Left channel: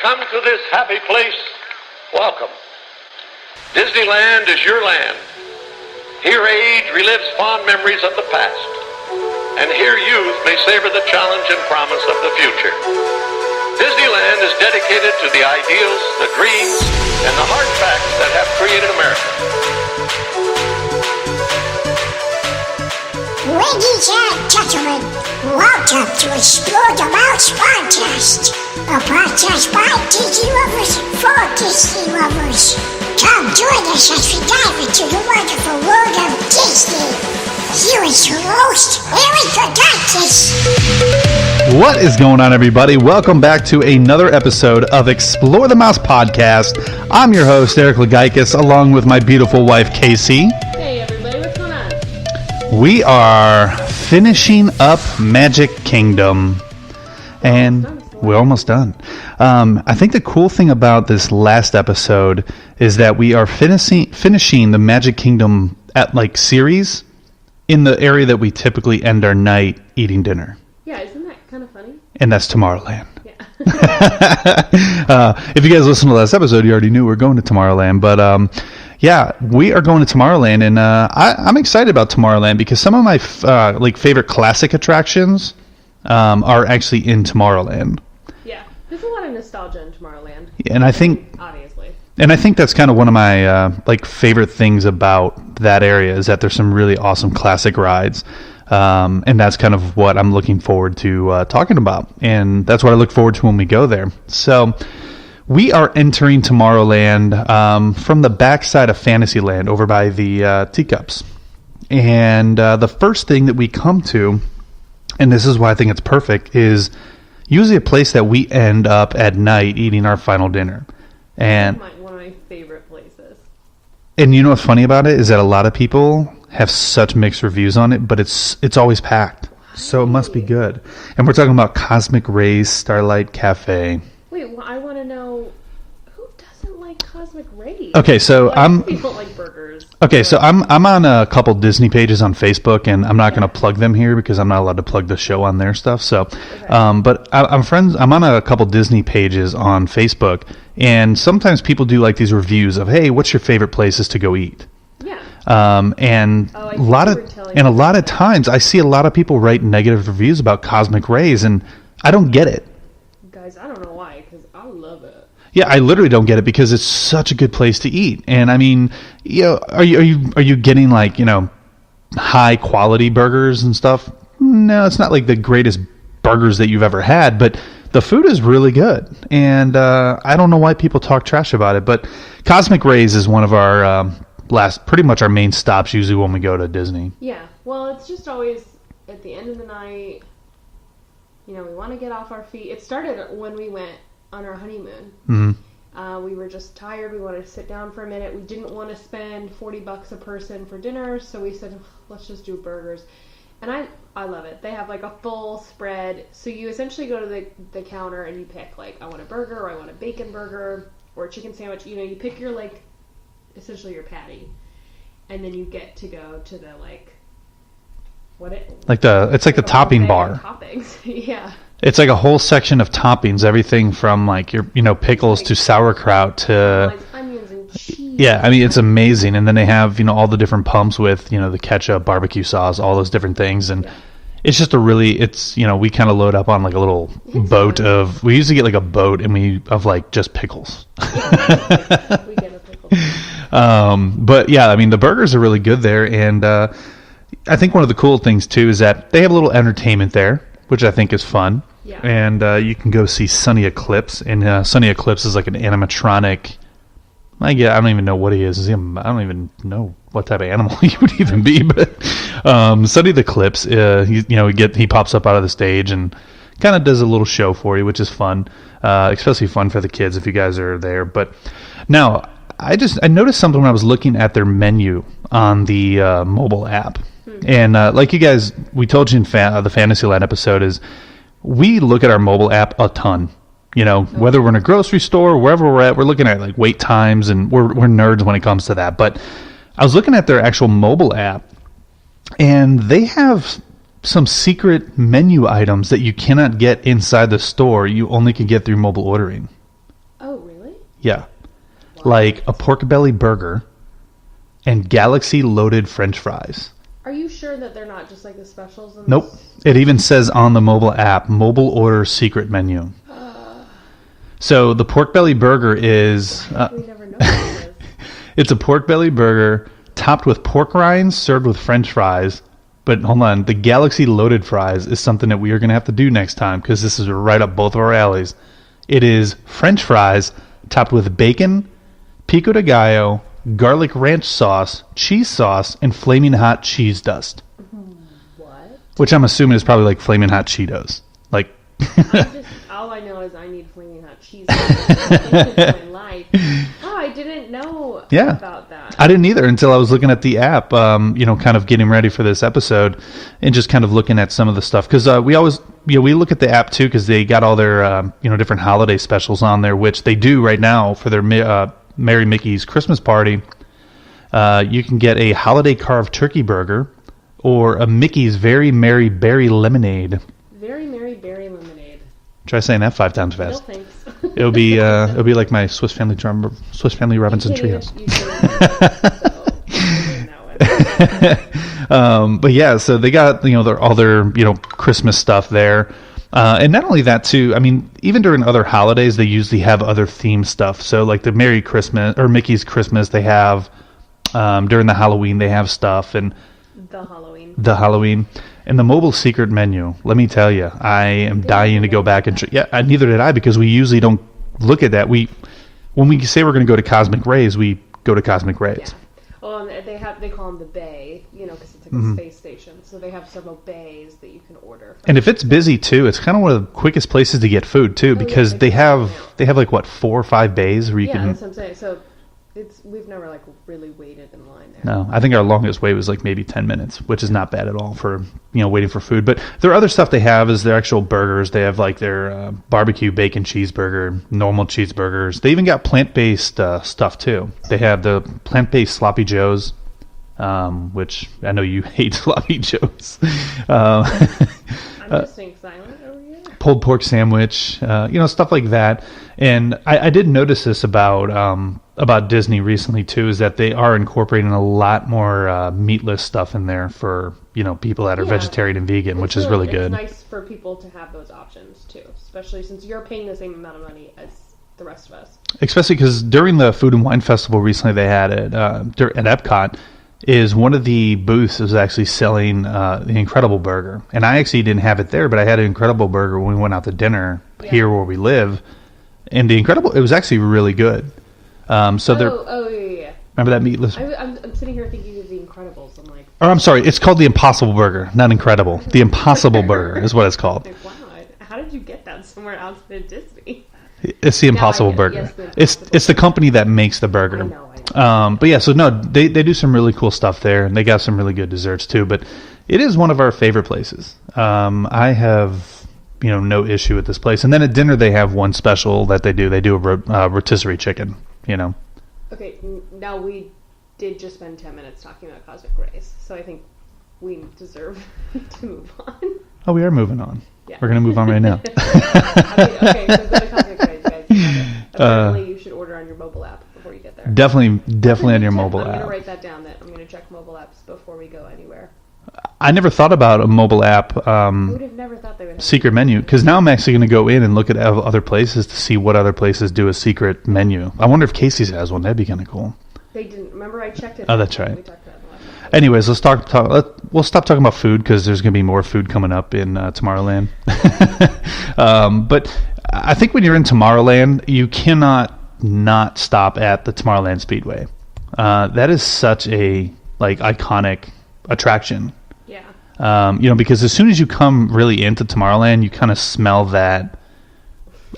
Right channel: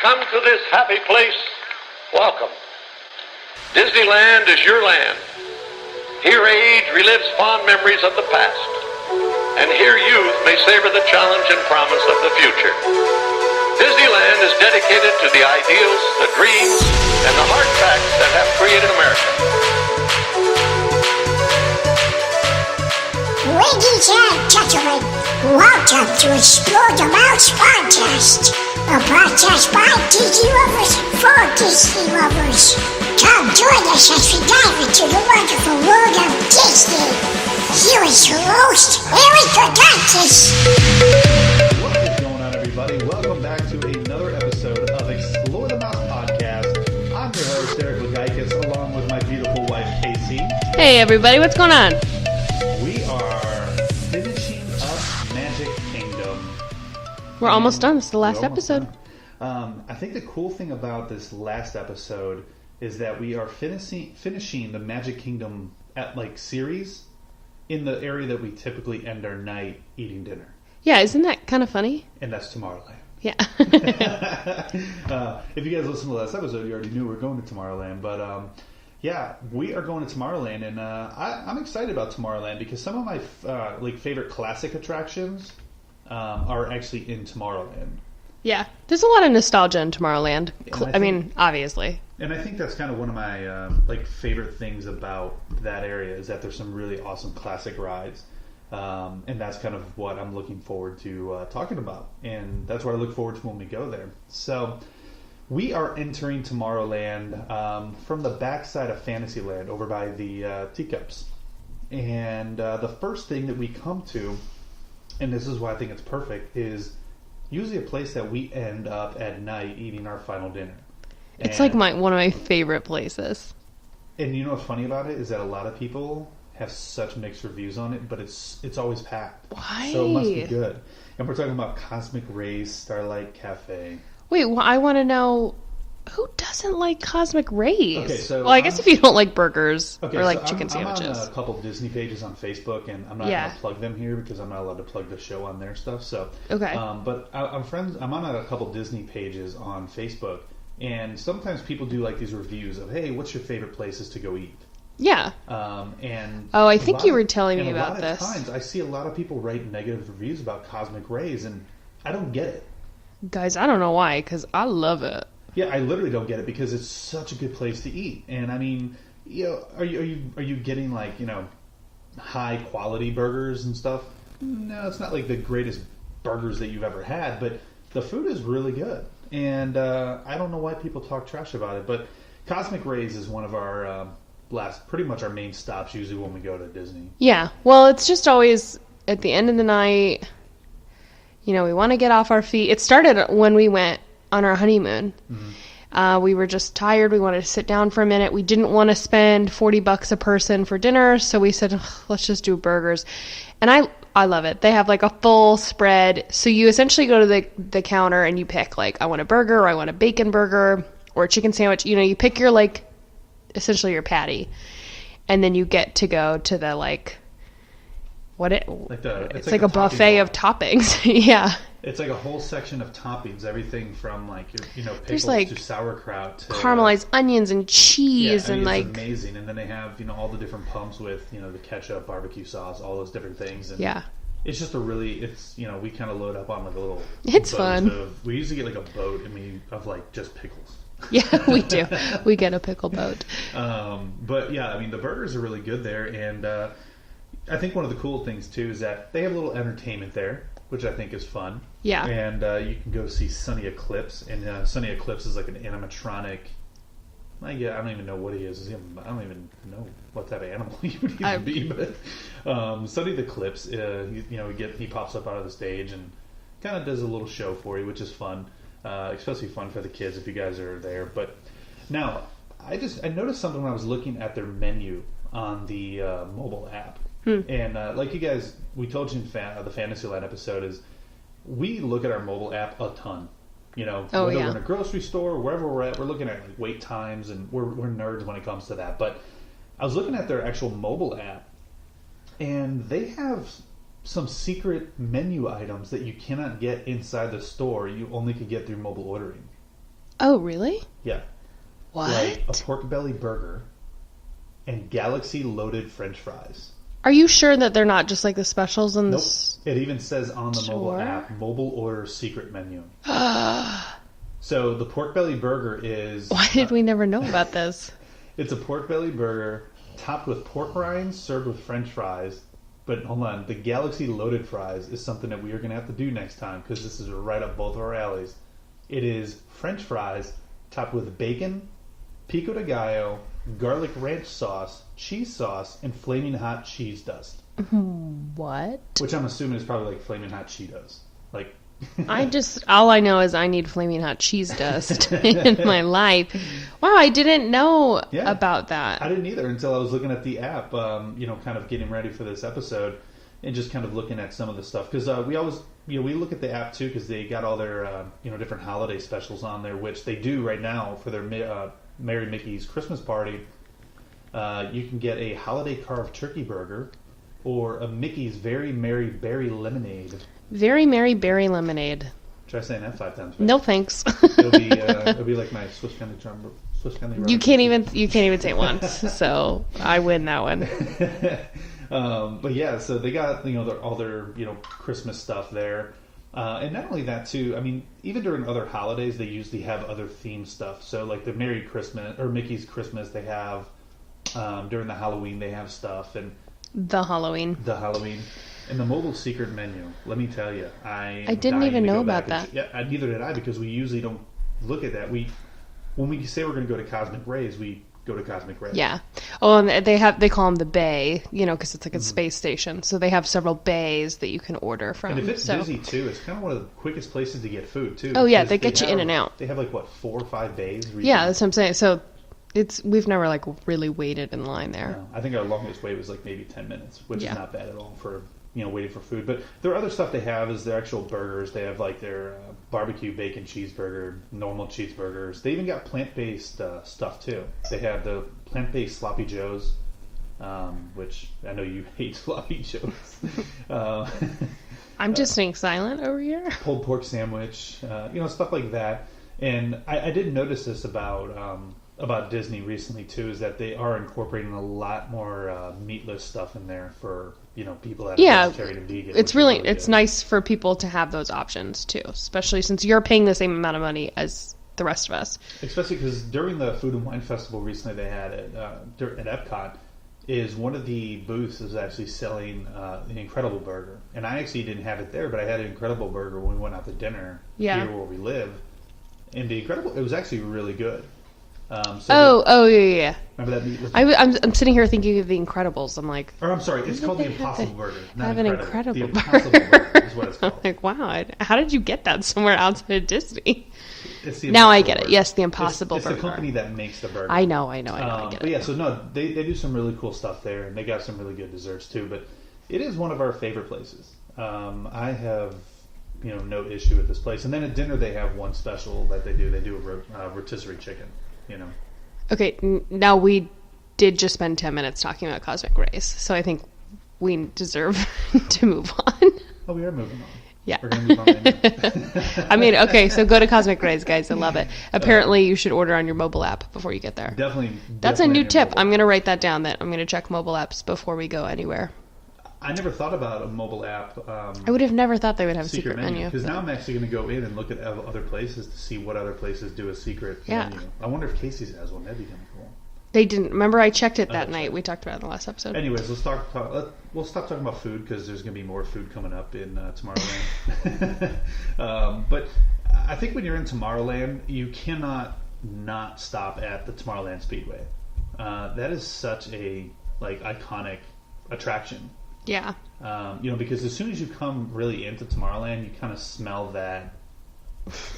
come to this happy place, welcome. Disneyland is your land. Here age relives fond memories of the past. And here youth may savor the challenge and promise of the future. Disneyland is dedicated to the ideals, the dreams, and the hard facts that have created America. Ladies and gentlemen, welcome to Explore the Mouse Podcast, a podcast by Disney lovers for Disney lovers. Come join us as we dive into the wonderful world of Disney. Here is your host, Eric Gagakis. What is going on, everybody? Welcome back to another episode of Explore the Mouse Podcast. I'm your host, Eric Lagaikis, along with my beautiful wife, Casey. Hey, everybody. What's going on? We are finishing up Magic Kingdom. We're almost done. It's the last We're almost episode. done. I think the cool thing about this last episode is that we are finishing the Magic Kingdom series in the area that we typically end our night eating dinner. Yeah, isn't that kind of funny? And that's Tommorrowland. Yeah. If you guys listened to the last episode, you already knew we're going to Tommorrowland. But yeah, we are going to Tommorrowland, and I'm excited about Tommorrowland because some of my favorite classic attractions are actually in Tomorrowland. Yeah, there's a lot of nostalgia in Tomorrowland. And I think, obviously. And I think that's kind of one of my favorite things about that area is that there's some really awesome classic rides. And that's kind of what I'm looking forward to talking about. And that's what I look forward to when we go there. So we are entering Tomorrowland from the backside of Fantasyland over by the teacups. And the first thing that we come to, and this is why I think it's perfect, is usually a place that we end up at night eating our final dinner. And It's like one of my favorite places. And you know what's funny about it is that a lot of people have such mixed reviews on it, but it's always packed. Why? So it must be good. And we're talking about Cosmic Rays Starlight Cafe. Wait, well, I want to know, who doesn't like Cosmic Rays? Okay, so I guess if you don't like burgers. Okay, or so like I'm chicken on a sandwiches. couple Disney pages on Facebook, and I'm not Yeah. going to plug them here because I'm not allowed to plug the show on their stuff. So, Okay. But I'm on a couple Disney pages on Facebook, and sometimes people do like these reviews of, hey, what's your favorite places to go eat? Yeah. And Oh, I think a lot you of were telling and me a lot about of this. times I see a lot of people write negative reviews about Cosmic Rays, and I don't get it. Guys, I don't know why, because I love it. Yeah, I literally don't get it because it's such a good place to eat. And I mean, are you getting high quality burgers and stuff? No, it's not like the greatest burgers that you've ever had, but the food is really good. And I don't know why people talk trash about it, but Cosmic Rays is one of our pretty much our main stops usually when we go to Disney. Yeah. Well, it's just always at the end of the night, we want to get off our feet. It started when we went on our honeymoon. Mm-hmm. We were just tired. We wanted to sit down for a minute. We didn't want to spend $40 a person for dinner, so we said, let's just do burgers. And I love it. They have like a full spread. So you essentially go to the counter and you pick I want a burger, or I want a bacon burger, or a chicken sandwich. You pick your essentially your patty, and then you get to go to the it's like the a topping buffet bar of toppings. Yeah. It's like a whole section of toppings, everything from your pickles to sauerkraut to Caramelized onions and cheese. yeah. I mean, and, it's amazing. And then they have all the different pumps with the ketchup, barbecue sauce, all those different things. And Yeah. it's just we kind of load up on a little It's boat fun. we usually get a boat of just pickles. Yeah, we do. We get a pickle boat. But yeah, I mean, the burgers are really good there. And I think one of the cool things too is that they have a little entertainment there, which I think is fun. Yeah. And you can go see Sunny Eclipse, and Sunny Eclipse is like an animatronic. I don't even know what he is. I don't even know what type of animal he would even be. But Sunny the Eclipse, he pops up out of the stage and kind of does a little show for you, which is fun, especially fun for the kids if you guys are there. But now I noticed something when I was looking at their menu on the mobile app. And like you guys, we told you in the Fantasyland episode is we look at our mobile app a ton. Whether we're in a grocery store, wherever we're at, we're looking at wait times, and we're nerds when it comes to that. But I was looking at their actual mobile app, and they have some secret menu items that you cannot get inside the store. You only can get through mobile ordering. Oh, really? Yeah. What? Like a pork belly burger and Galaxy loaded French fries. Are you sure that they're not just like the specials? And Nope. It even says on the mobile app, mobile order secret menu. So the pork belly burger is... Why did we never know about this? It's a pork belly burger topped with pork rinds, served with French fries. But hold on, the Galaxy loaded fries is something that we are going to have to do next time because this is right up both of our alleys. It is French fries topped with bacon, pico de gallo, garlic ranch sauce, cheese sauce, and flaming hot cheese dust. What? Which I'm assuming is probably like flaming hot Cheetos. Like... all I know is I need flaming hot cheese dust in my life. Wow, I didn't know about that. I didn't either until I was looking at the app, kind of getting ready for this episode and just kind of looking at some of the stuff. Because we always, we look at the app too because they got all their, different holiday specials on there, which they do right now for their Merry Mickey's Christmas party. You can get a holiday carved turkey burger or a Mickey's Very Merry Berry Lemonade. Very Merry Berry Lemonade. Try saying that 5 times fast. No thanks. It'll be like my Swiss Family Robinson. You can't even say once, so I win that one. But yeah, so they got all their Christmas stuff there, and not only that too. I mean, even during other holidays, they usually have other theme stuff. So like the Merry Christmas or Mickey's Christmas, they have during the Halloween they have stuff and the Halloween. And the mobile secret menu, let me tell you, I am dying to go back and neither did I because we usually don't look at that. When we say we're going to go to Cosmic Rays, we go to Cosmic Rays. Yeah. Oh, and they call them the bay, because it's like a space station. So they have several bays that you can order from. And if it's busy too, it's kind of one of the quickest places to get food too because they have like what 4 or 5 bays where you can. That's what I'm saying. So we've never like really waited in line there. No, I think our longest wait was like maybe 10 minutes, which is not bad at all for waiting for food. But their other stuff they have is their actual burgers. They have like their barbecue bacon cheeseburger, normal cheeseburgers. They even got plant-based stuff too. They have the plant-based sloppy joes, which I know you hate sloppy joes. I'm just staying silent over here. Pulled pork sandwich, stuff like that. And I did notice this about Disney recently too, is that they are incorporating a lot more meatless stuff in there for people that are vegetarian and vegan, which is really good. It's nice for people to have those options too, especially since you're paying the same amount of money as the rest of us. Especially because during the Food and Wine Festival recently they had at Epcot, is one of the booths was actually selling the Incredible Burger, and I actually didn't have it there, but I had an Incredible Burger when we went out to dinner here where we live, and it was actually really good. Yeah. Remember that meatless? I'm sitting here thinking of the Incredibles. I'm like, I'm sorry. It's called the Impossible Burger, not Incredible. The Impossible Burger is what it's called. Like, wow, how did you get that somewhere outside of Disney? It's the Impossible Burger. Yes, the Impossible. It's the company that makes the burger. I know. But yeah, so no, they do some really cool stuff there, and they got some really good desserts too. But it is one of our favorite places. I have no issue with this place. And then at dinner they have one special that they do. They do a rotisserie chicken. Okay, now we did just spend 10 minutes talking about Cosmic Rays, so I think we deserve to move on. Oh, we are moving on. Yeah. We're going to move on right now. I mean, okay, so go to Cosmic Rays, guys. I love it. Apparently, you should order on your mobile app before you get there. Definitely That's a new on your tip. mobile I'm going to app. write that down, that I'm going to check mobile apps before we go anywhere. I never thought about a mobile app. I would have never thought they would have secret menu, because now I'm actually going to go in and look at other places to see what other places do a secret menu. I wonder if Casey's has one. That'd be kind of cool. They didn't. Remember, I checked it that that's night. right. We talked about it in the last episode. Anyways, we'll stop talking about food because there's going to be more food coming up in Tomorrowland. But I think when you're in Tomorrowland, you cannot not stop at the Tomorrowland Speedway. That is such a iconic attraction. Yeah. Because as soon as you come really into Tomorrowland, you kind of smell that.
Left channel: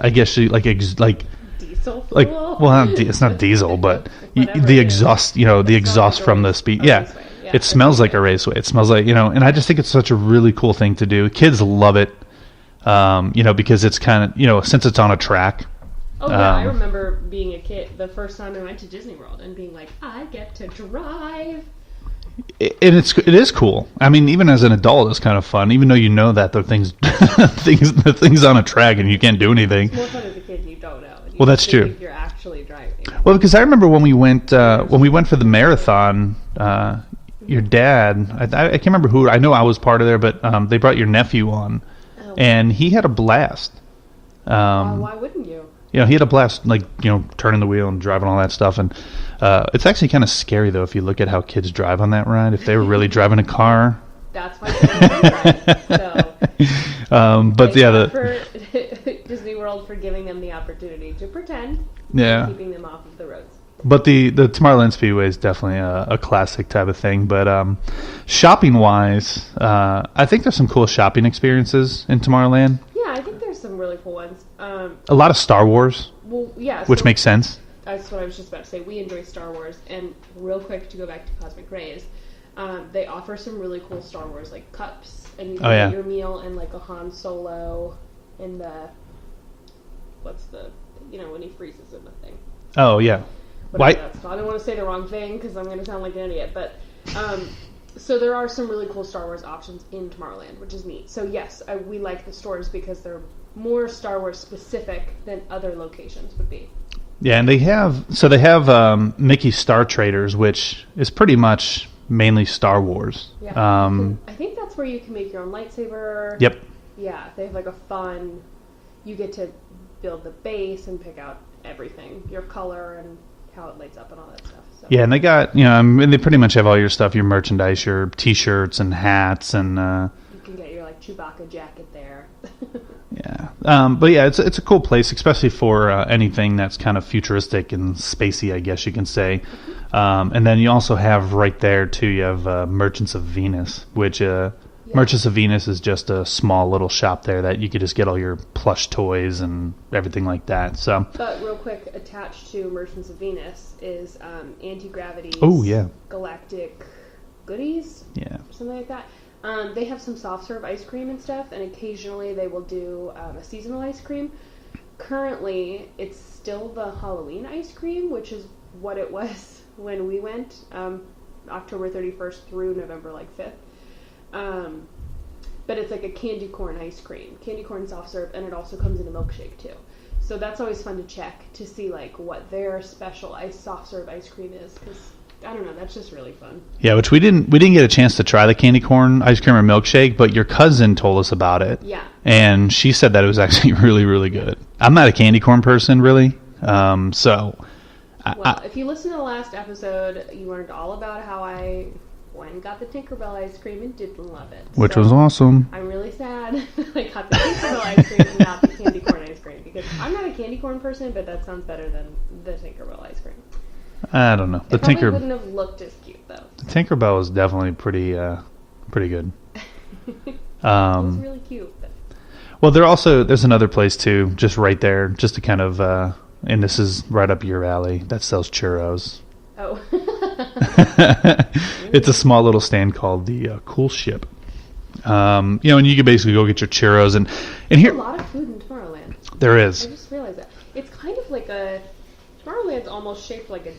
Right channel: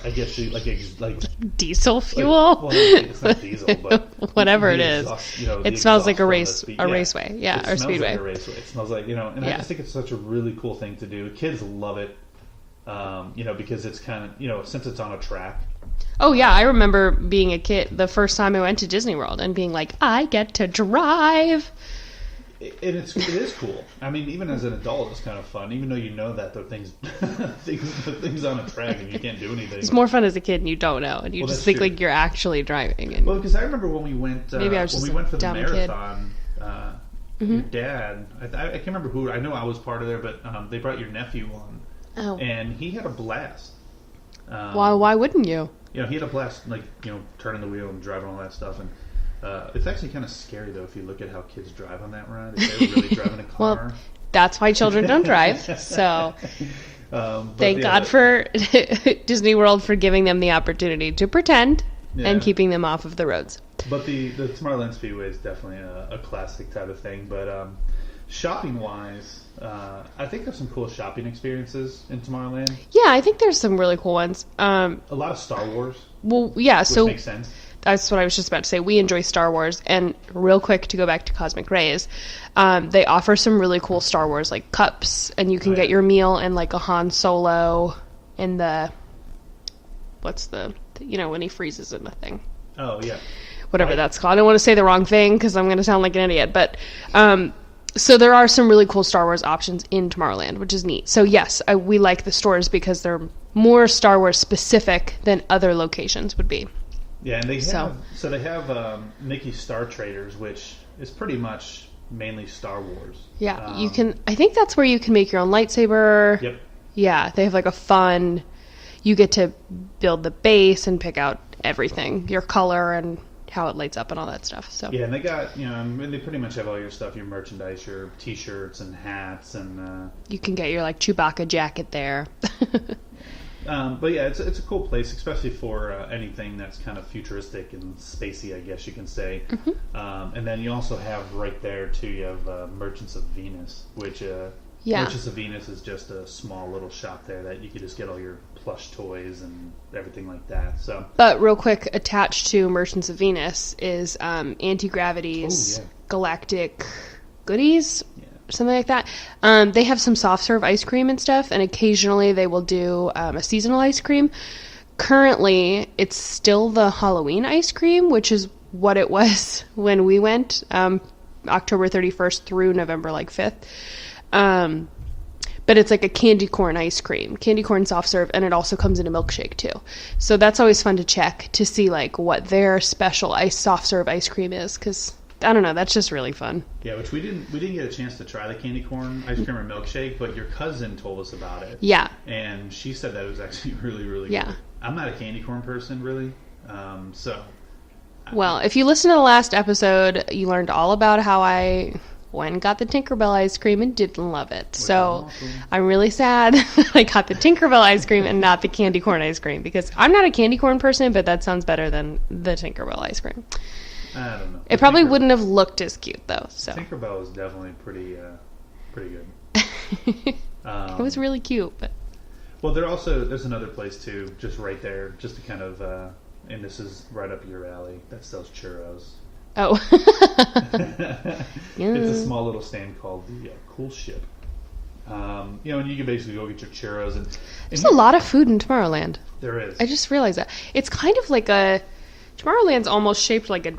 I guess diesel fuel. It's not diesel, but whatever the it exhaust. Is. The exhaust from the speed. Raceway. Yeah, it smells like a raceway. It smells like and I just think it's such a really cool thing to do. Kids love it. Because it's kind of since it's on a track. Oh yeah, I remember being a kid the first time I went to Disney World and being like, I get to drive. And it is cool. I mean, even as an adult, it's kind of fun. Even though you know that the things on a track and you can't do anything. It's more fun as a kid and you don't know. And you Well, just that's think true. like you're actually driving. Well, because I remember when we went I was for the just marathon. Your dad, I can't remember who. I know I was part of there, but they brought your nephew on, and he had a blast. Why wouldn't you? You know, he had a blast, like, you know, turning the wheel and driving all that stuff. And it's actually kind of scary, though, if you look at how kids drive on that ride. If they were really driving a car. That's why children don't drive. So, but thank yeah, God for Disney World for giving them the opportunity to pretend and keeping them off of the roads. But the Tommorrowland Speedway is definitely a classic type of thing. But shopping-wise, I think there's some cool shopping experiences in Tomorrowland. Yeah, I think there's some really cool ones. A lot of Star Wars. Well, yeah. Which makes sense. That's what I was just about to say. We enjoy Star Wars. And real quick, to go back to Cosmic Rays, they offer some really cool Star Wars, like, cups. And you can get your meal in, like, a Han Solo in the... What's the... You know, when he freezes in the thing. Oh, yeah. Whatever that's called. I don't want to say the wrong thing because I'm going to sound like an idiot. But so there are some really cool Star Wars options in Tomorrowland, which is neat. So yes, we like the stores because they're more Star Wars specific than other locations would be. Yeah, and they have Mickey Star Traders, which is pretty much mainly Star Wars. Yeah, you can. I think that's where you can make your own lightsaber. Yep. Yeah, they have like a fun. You get to build the base and pick out everything, your color and how it lights up and all that stuff. So yeah, and they got, you know, I mean, they pretty much have all your stuff, your merchandise, your T-shirts and hats, and you can get your like Chewbacca jacket there. yeah, but yeah, it's a cool place, especially for anything that's kind of futuristic and spacey, I guess you can say. And then you also have right there too. You have Merchants of Venus, which Merchants of Venus is just a small little shop there that you could just get all your plush toys and everything like that. So, but real quick, attached to Merchants of Venus is Anti-Gravity's Galactic Goodies, something like that. They have some soft serve ice cream and stuff, and occasionally they will do a seasonal ice cream. Currently, it's still the Halloween ice cream, which is what it was when we went, October 31st through November 5th. But it's like a candy corn ice cream, candy corn soft serve, and it also comes in a milkshake too. So that's always fun to check to see like what their special soft serve ice cream is, because I don't know, that's just really fun. Yeah, which we didn't get a chance to try the candy corn ice cream or milkshake, but your cousin told us about it. Yeah, and she said that it was actually really, really good. I'm not a candy corn person really, so. Well, if you listen to the last episode, you learned all about how I went and got the Tinkerbell ice cream and didn't love it. Which was awesome. I'm really sad I got the Tinkerbell ice cream and not the candy corn ice cream, because I'm not a candy corn person, but that sounds better than the Tinkerbell ice cream. I don't know. It probably wouldn't have looked as cute though. So. Tinkerbell was definitely pretty good. It was really cute. But. Well, there's another place too, just right there, just to kind of, and this is right up your alley, that sells churros. Oh. It's a small little stand called the Cool Ship. You know, and you can basically go get your churros. And There's here, a lot of food in Tomorrowland. There is. I just realized that. It's kind of like Tomorrowland's almost shaped like a,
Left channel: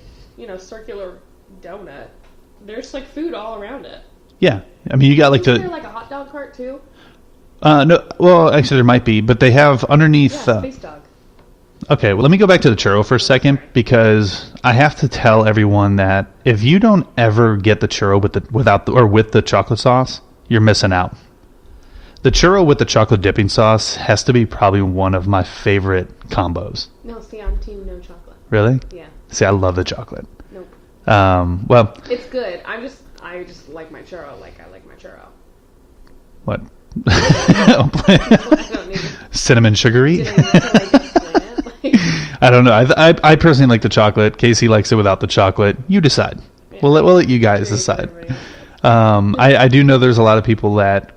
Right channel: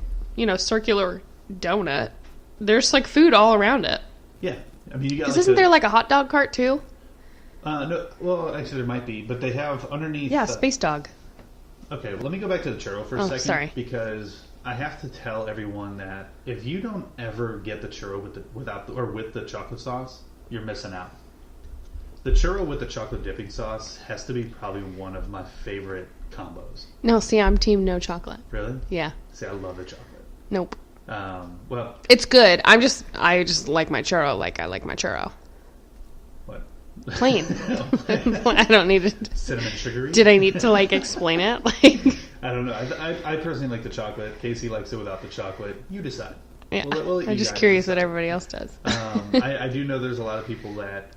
circular donut. There's like food all around it. Yeah. I mean, you got Isn't there like a hot dog cart too? No. Well, actually there might be, but they have underneath. Yeah, Space Dog. Okay, well, let me go back to the churro for a second, because I have to tell everyone that if you don't ever get the churro with the chocolate sauce, you're missing out. The churro with the chocolate dipping sauce has to be probably one of my favorite combos. No, see, I'm team no chocolate. Really? Yeah. See, I love the chocolate. Nope. Well, it's good. I just like my churro like I like my churro. What? No, I don't need to. Cinnamon sugary? Did I need to explain it? I don't know. I personally like the chocolate. Casey likes it without the chocolate. You decide. Yeah. We'll let you guys decide. What everybody else does. I do know there's a lot of people that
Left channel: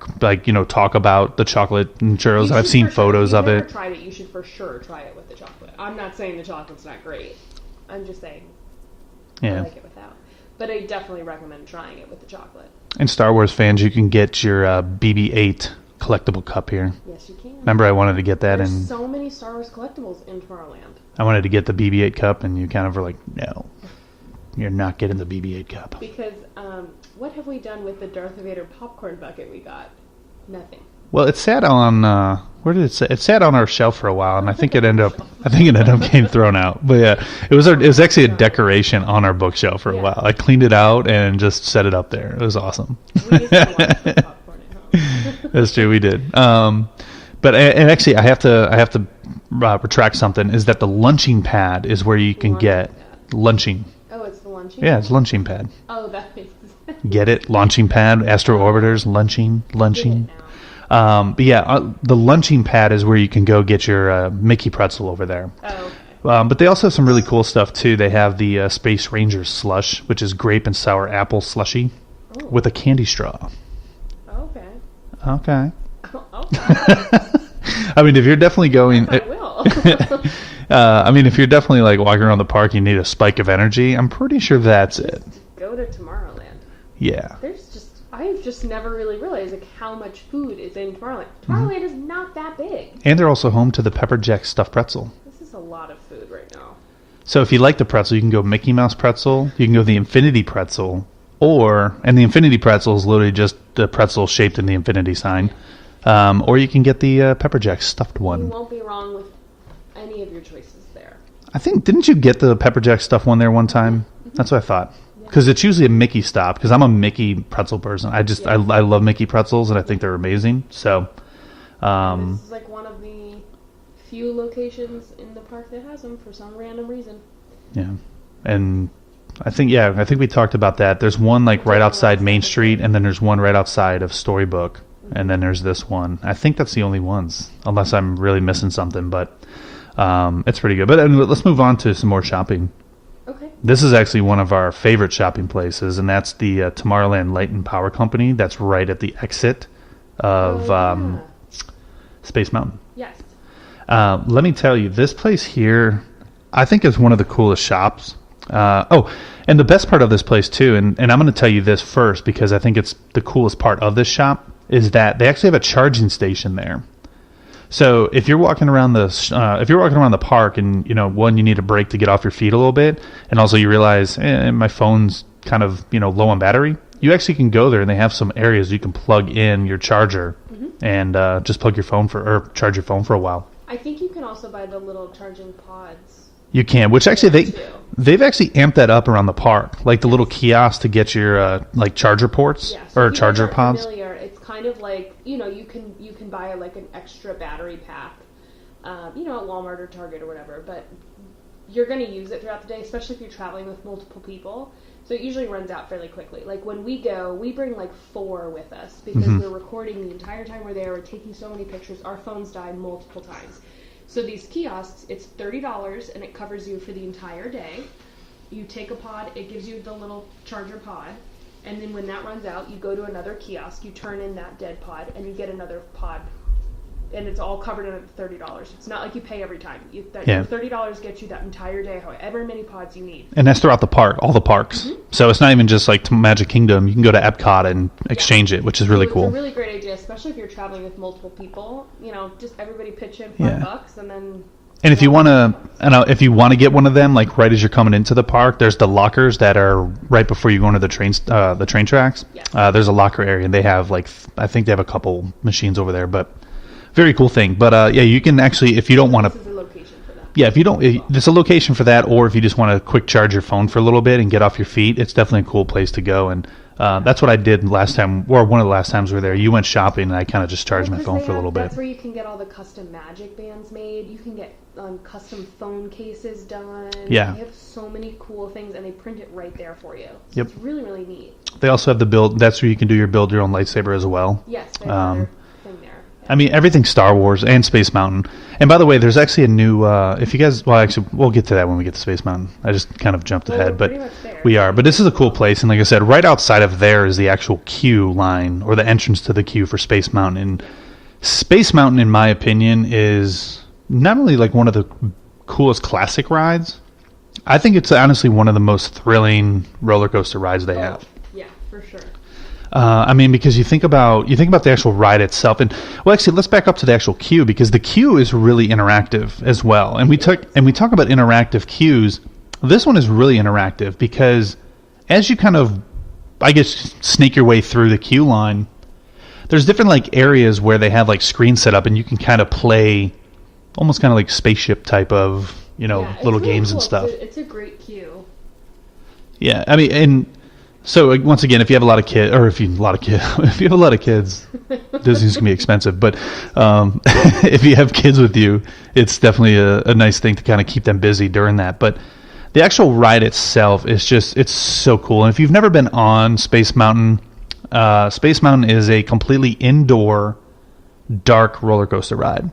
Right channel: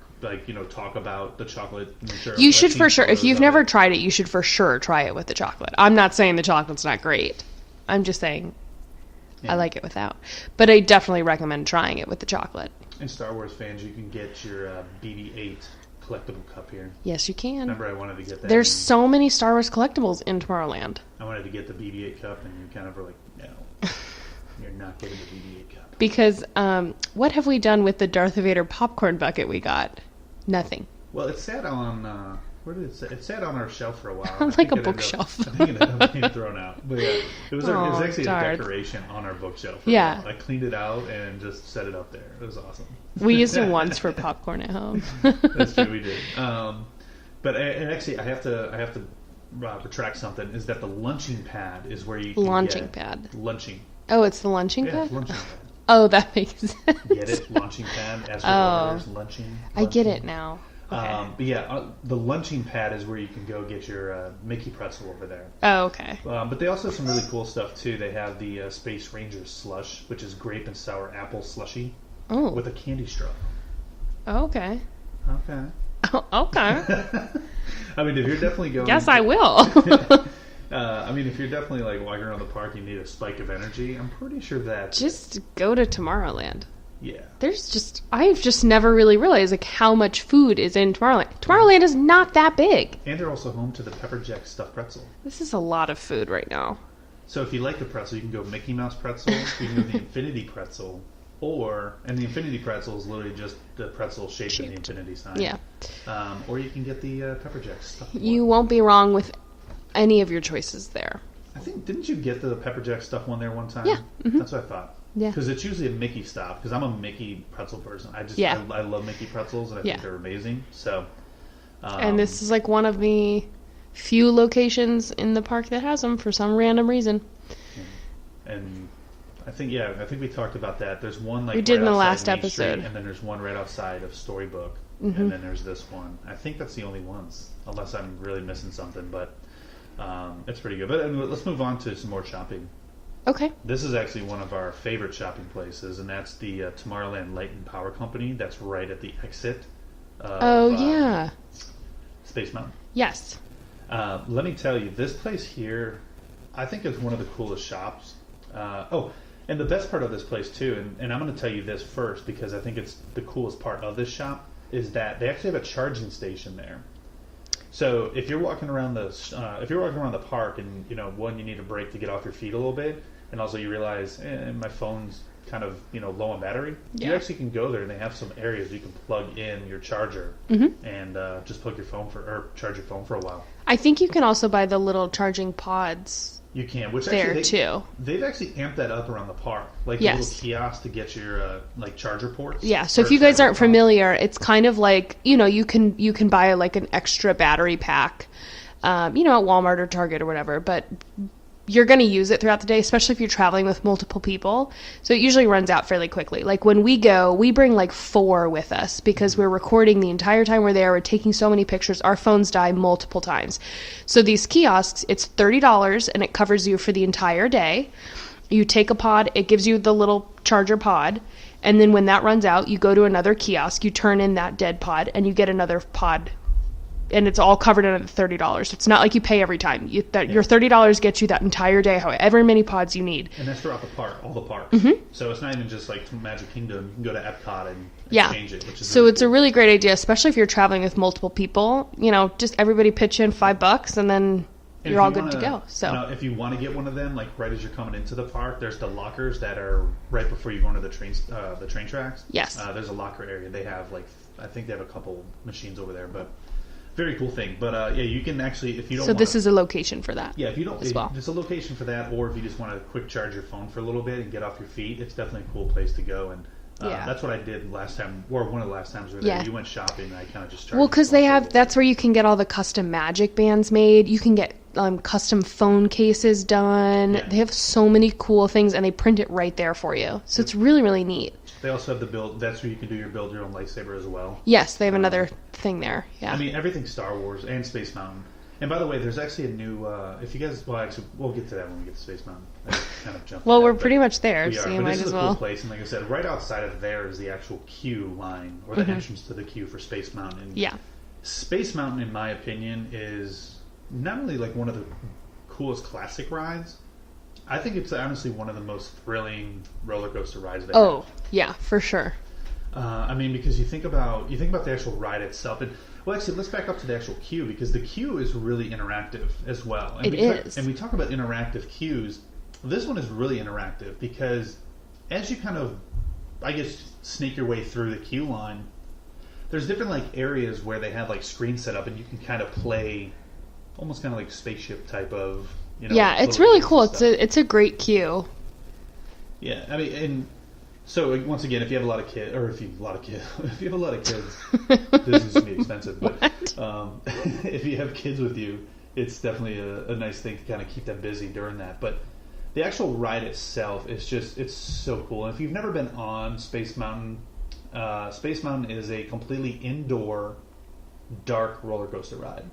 talk about the chocolate and churros. You should I've seen for sure. photos If you've of never it. tried it, you should for sure try it with the chocolate. I'm not saying the chocolate's not great. I'm just saying I like it without. But I definitely recommend trying it with the chocolate. And Star Wars fans, you can get your BB-8 collectible cup here. Yes, you can. Remember, I wanted to get that. There's so many Star Wars collectibles in Tomorrowland. I wanted to get the BB-8 cup, and you kind of were like, no. you're not getting the BB-8 cup. Because what have we done with the Darth Vader popcorn bucket we got? Nothing. Well, it sat on where did it sit? It sat on our shelf for a while, and I think Like it a ended up bookshelf. I think it ended up getting thrown out. But yeah, it was actually a darn. decoration on our bookshelf for a Yeah. while. I cleaned it out and just set it up there. It was awesome. We used it once for popcorn at home. That's true, we did. But and actually, I have to retract something. Is that the lunching pad is where you can Launching get pad. lunching. Oh, it's the lunching Yeah, pad? it's lunching pad. Oh, that makes sense. Get it? Launching pad, Astro Orbiters, lunching. I get it now. But yeah, the lunching pad is where you can go get your Mickey pretzel over there. Oh, okay. But they also have some really cool stuff too. They have the Space Ranger slush, which is grape and sour apple slushy Oh. with a candy straw. Okay. Okay. Oh, okay. I mean, if you're definitely going, Yes, I will. I mean, if you're definitely like walking around the park, you need a spike of energy. I'm pretty sure that's it. Just go to Tommorrowland. Yeah. I've just never really realized like how much food is in Tomorrowland. Tomorrowland is not that big. And they're also home to the Pepper Jack stuffed pretzel. This is a lot of food right now. So if you like the pretzel, you can go Mickey Mouse pretzel. You can go the Infinity pretzel, and the Infinity pretzel is literally just the pretzel shaped in the infinity sign. Yeah. Or you can get the Pepper Jack stuffed one. You won't be wrong with any of your choices there. I think, didn't you get the Pepper Jack stuffed one there one time? Yeah. That's what I thought. Yeah. Because it's usually a Mickey stop, because I'm a Mickey pretzel person. Yeah. I love Mickey pretzels, and I think Yeah. they're amazing. So, And this is like one of the few locations in the park that has them for some random reason. yeah. And I think we talked about that. There's one We like did right in the outside last Main Street, episode. and then there's one right outside of Storybook, Mm-hmm. and then there's this one. I think that's the only ones, unless I'm really missing something, but it's pretty good. But anyway, let's move on to some more shopping. Okay. This is actually one of our favorite shopping places, and that's the Tomorrowland Light and Power Company. That's right at the exit of yeah. Space Mountain. Yes. Let me tell you, this place here, I think is one of the coolest shops. And the best part of this place too, and I'm going to tell you this first because I think it's the coolest part of this shop, is that they actually have a charging station there. So if you're walking around the park and you need a break to get off your feet a little bit, and also you realize my phone's kind of low on battery, you actually can go there and they have some areas you can plug in your charger and just plug your phone charge your phone for a while. I think you can also buy the little charging pods. You can, which actually There, too. they've actually amped that up around the park, like the Yes. little kiosk to get your like charger ports. Yeah, so or if you guys charger aren't pods. familiar, it's kind of like, you can buy like an extra battery pack, at Walmart or Target or whatever, but you're going to use it throughout the day, especially if you're traveling with multiple people. So it usually runs out fairly quickly. Like when we go, we bring like 4 with us because we're recording the entire time we're there. We're taking so many pictures. Our phones die multiple times. So these kiosks, it's $30 and it covers you for the entire day. You take a pod, it gives you the little charger pod. And then when that runs out, you go to another kiosk, you turn in that dead pod, and you get another pod. And it's all covered under $30. It's not like you pay every time. Your $30 gets you that entire day, however many pods you need. And that's throughout the park, all the parks. So it's not even just like to Magic Kingdom. You can go to Epcot and exchange it, which is really cool. So it's a really great idea, especially if you're traveling with multiple people. Just everybody pitch in $5 and then. And if you want to, so. if you want to get one of them, like right as you're coming into the park, there's the lockers that are right before you go into the train tracks. Yes. There's a locker area, and they have I think they have a couple machines over there, but very cool thing. But you can actually, if you don't want to. This is a location for that. Yeah, if you don't, as well. there's a location for that, or if you just want to quick charge your phone for a little bit and get off your feet, it's definitely a cool place to go. And that's what I did last time, or one of the last times we were there. Yeah. You went shopping, and I kind of just charged my phone for a little bit. That's where you can get all the custom magic bands made. You can get custom phone cases done. Yeah. They have so many cool things, and they print it right there for you. So it's really, really neat. They also have the build. That's where you can do your build your own lightsaber as well. Yes, they have another thing there. Yeah. I mean, everything's Star Wars and Space Mountain. And by the way, there's actually a new. If you guys, we'll get to that when we get to Space Mountain. I just kind of jumped ahead. we're but pretty much there. We are, so but this is a might as cool well. place. And like I said, right outside of there is the actual queue line or the entrance to the queue for Space Mountain. And Yeah. Space Mountain, in my opinion, is not only like one of the coolest classic rides. I think it's honestly one of the most thrilling roller coaster rides they have. Oh, yeah, for sure. I mean, because you think about the actual ride itself, and well, actually, let's back up to the actual queue because the queue is really interactive as well. And we talk about interactive queues. This one is really interactive because as you kind of, I guess, snake your way through the queue line, there's different like areas where they have like screens set up and you can kind of play almost kind of like spaceship type of, Yeah, it's little really games cool. and stuff. It's a great queue. Yeah, I mean, and so once again, if you have a lot of kids, or if you have a lot of kids, Disney's gonna be expensive. But if you have kids with you, it's definitely a nice thing to kind of keep them busy during that. But the actual ride itself is it's so cool. And if you've never been on Space Mountain is a completely indoor, dark roller coaster ride.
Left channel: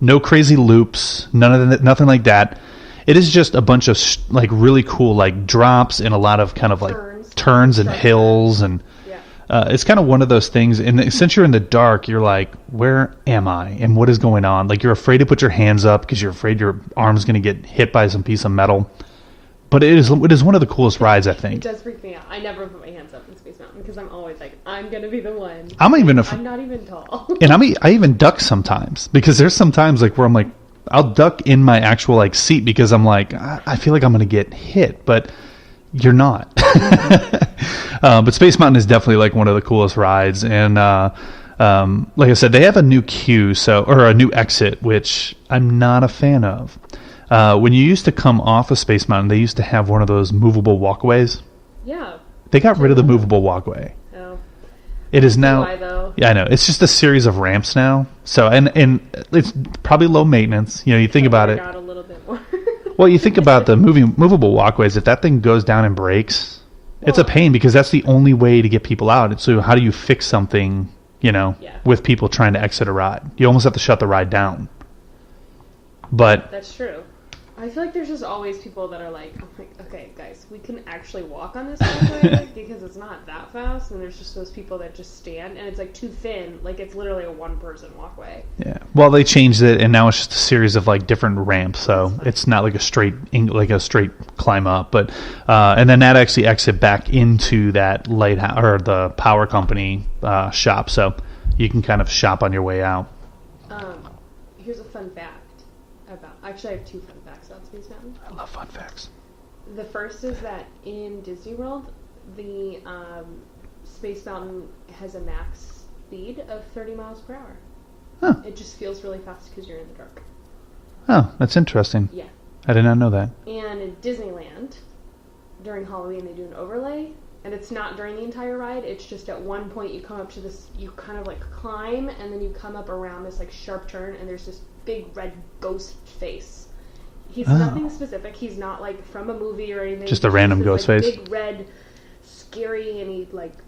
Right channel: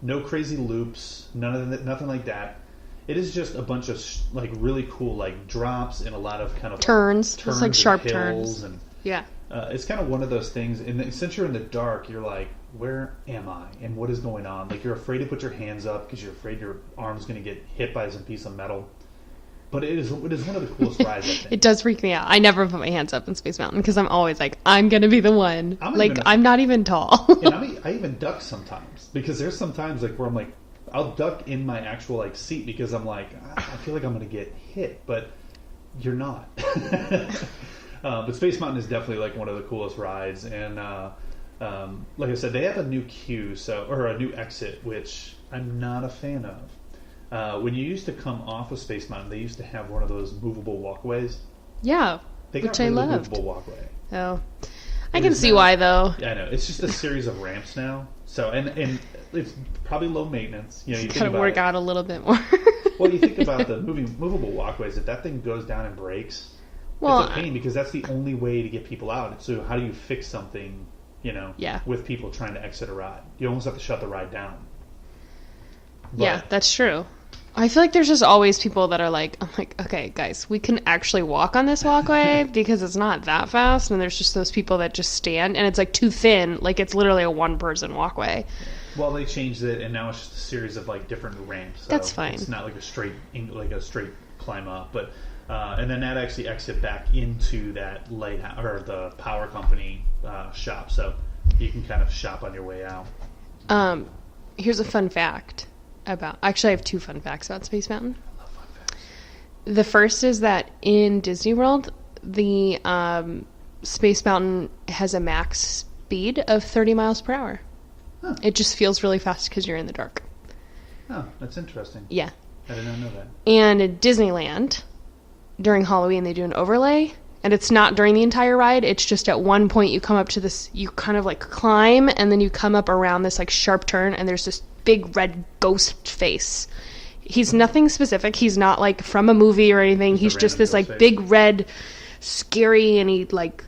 No crazy loops, nothing like that. It is just a bunch of like really cool like drops and a lot of kind of like turns like and hills turns. and it's kind of one of those things. And since you're in the dark, you're like, where am I and what is going on? Like you're afraid to put your hands up because you're afraid your arm's going to get hit by some piece of metal. But it is one of the coolest rides, I think. It does freak me out. I never put my hands up in Space Mountain because I'm always like, I'm gonna be the one. I'm not even tall. And I even duck sometimes because there's some times like where I'm like, I'll duck in my actual like seat because I'm like, I feel like I'm gonna get hit, but you're not. But Space Mountain is definitely like one of the coolest rides, and like I said, they have a new queue, or a new exit, which I'm not a fan of. When you used to come off of Space Mountain, they used to have one of those movable walkways. Yeah. They got rid of the movable walkway. Oh. It is see now, why though. Yeah, I know. It's just a series of ramps now. So and it's probably low maintenance. You think about it. Got a little bit more. Well, you think about the movable walkways. If that thing goes down and breaks, it's a pain because that's the only way to get people out. So how do you fix something? With people trying to exit a ride, you almost have to shut the ride down. But yeah, that's true. I feel like there's just always people that are like, I'm like, okay, guys, we can actually walk on this walkway because it's not that fast. And there's just those people that just stand, and it's like too thin. Like it's literally a one-person walkway. Yeah. Well, they changed it, and now it's just a series of like different ramps. So it's not like a straight climb up. But and then that actually exit back into that lighthouse or the power company shop. So you can kind of shop on your way out. Here's a fun fact. Actually, I have two fun facts about Space Mountain. I love fun facts. The first is that in Disney World, the Space Mountain has a max speed of 30 miles per hour. Huh. It just feels really fast because you're in the dark. Oh, that's interesting. Yeah. I did not know that. And in Disneyland, during Halloween, they do an overlay. And it's not during the entire ride. It's just at one point you come up to this, you kind of like climb, and then you come up around this like sharp turn, and there's this big red ghost face. He's nothing specific. He's not like from a movie or anything. He's just this like face. Big red, scary, and he like,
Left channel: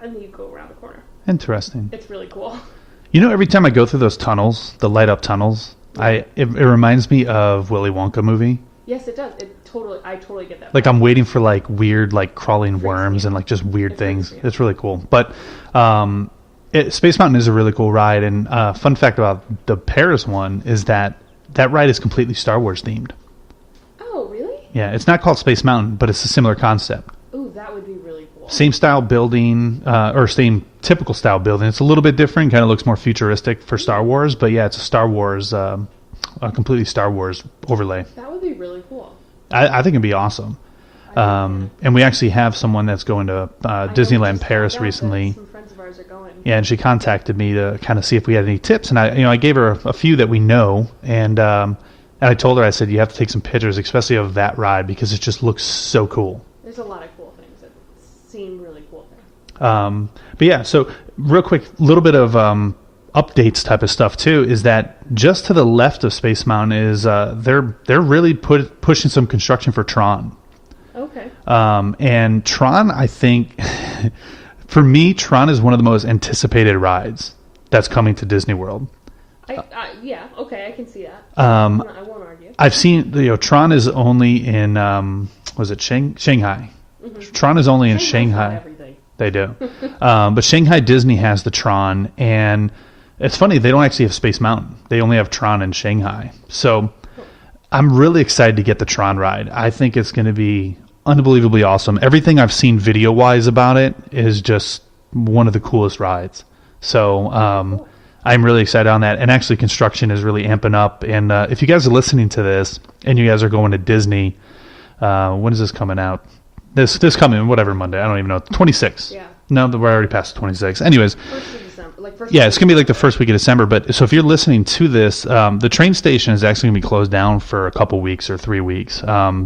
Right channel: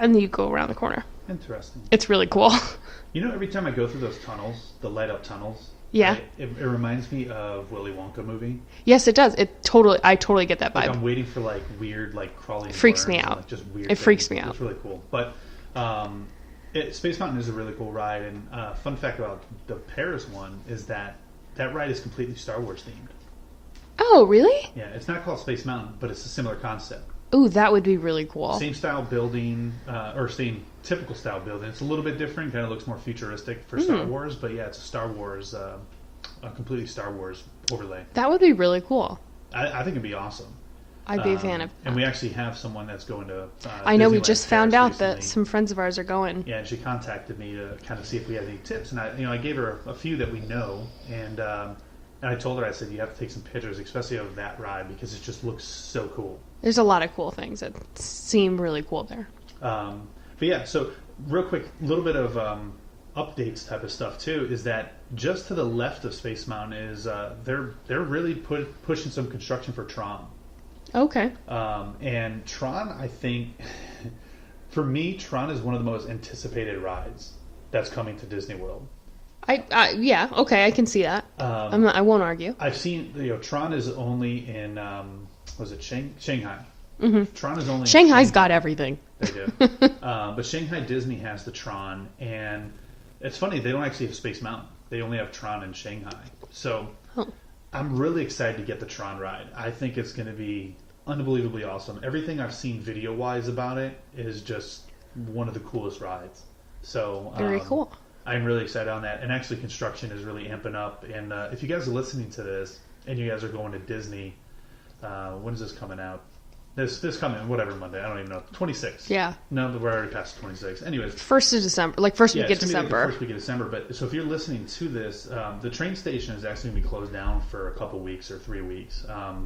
and then you go around the corner. Interesting. It's really cool. Every time I go through those tunnels, the light up tunnels, it reminds me of Willy Wonka movie. Yes, it does. I totally get that vibe. Like I'm waiting for like weird like crawling worms and like just weird things. It freaks me out. It's really cool. But Space Mountain is a really cool ride, and fun fact about the Paris one is that ride is completely Star Wars themed. Oh, really? Yeah, it's not called Space Mountain, but it's a similar concept. Ooh, that would be really cool. Same style building, or same typical style building. It's a little bit different, kind of looks more futuristic for Star Wars, but yeah, it's a Star Wars, a completely Star Wars overlay. That would be really cool. I think it'd be awesome. I'd be a fan of. And we actually have someone that's going to Disneyland Paris recently. Some friends of ours are going. Yeah, and she contacted me to kind of see if we had any tips, and I gave her a few that we know, and I told her, I said, you have to take some pictures, especially of that ride, because it just looks so cool. There's a lot of cool things that seem really cool there. But yeah, so real quick, a little bit of updates type of stuff too is that just to the left of Space Mountain is they're really pushing some construction for Tron. Okay. And Tron, I think, for me, Tron is one of the most anticipated rides that's coming to Disney World. Yeah, okay, I can see that. I won't argue. I've seen, Tron is only in, was it Shanghai? Mm-hmm. Tron is only in Shanghai. Shanghai's got everything. They do. But Shanghai Disney has the Tron, and it's funny, they don't actually have Space Mountain. They only have Tron in Shanghai. So I'm really excited to get the Tron ride. I think it's going to be unbelievably awesome. Everything I've seen video-wise about it is just one of the coolest rides. So cool. I'm really excited on that. And actually, construction is really amping up. And if you guys are listening to this and you guys are going to Disney, when is this coming out? This coming, whatever, Monday. I don't even know. 26. Yeah. No, we're already past 26. Anyways. 1st of December. Like, first Yeah, week it's of going to be like the December. first week of December. But so if you're listening to this, the train station is actually going to be closed down for a couple weeks or 3 weeks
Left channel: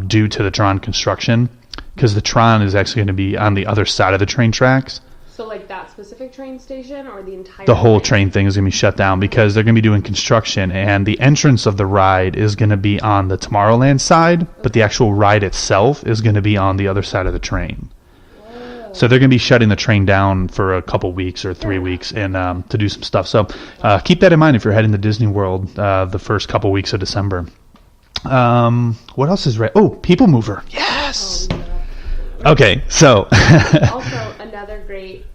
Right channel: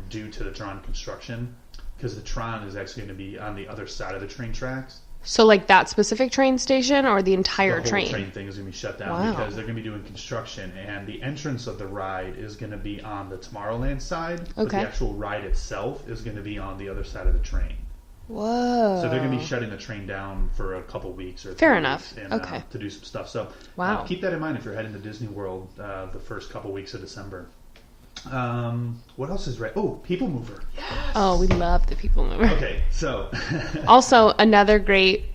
due to the Tron construction. Because the Tron is actually going to be on the other side of the train tracks. So, like, that specific train station or the entire The whole train thing is going to be shut down because they're going to be doing construction, and the entrance of the ride is going to be on the Tomorrowland side, but the actual ride itself is going to be on the other side of the train. Whoa. So they're going to be shutting the train down for a couple weeks or Fair 3 enough. weeks and Okay. to do some stuff. So Wow. keep that in mind if you're heading to Disney World the first couple weeks of December. What else is right? Oh, People Mover. Yes. Oh, we love the People Mover. Okay, so Also, another great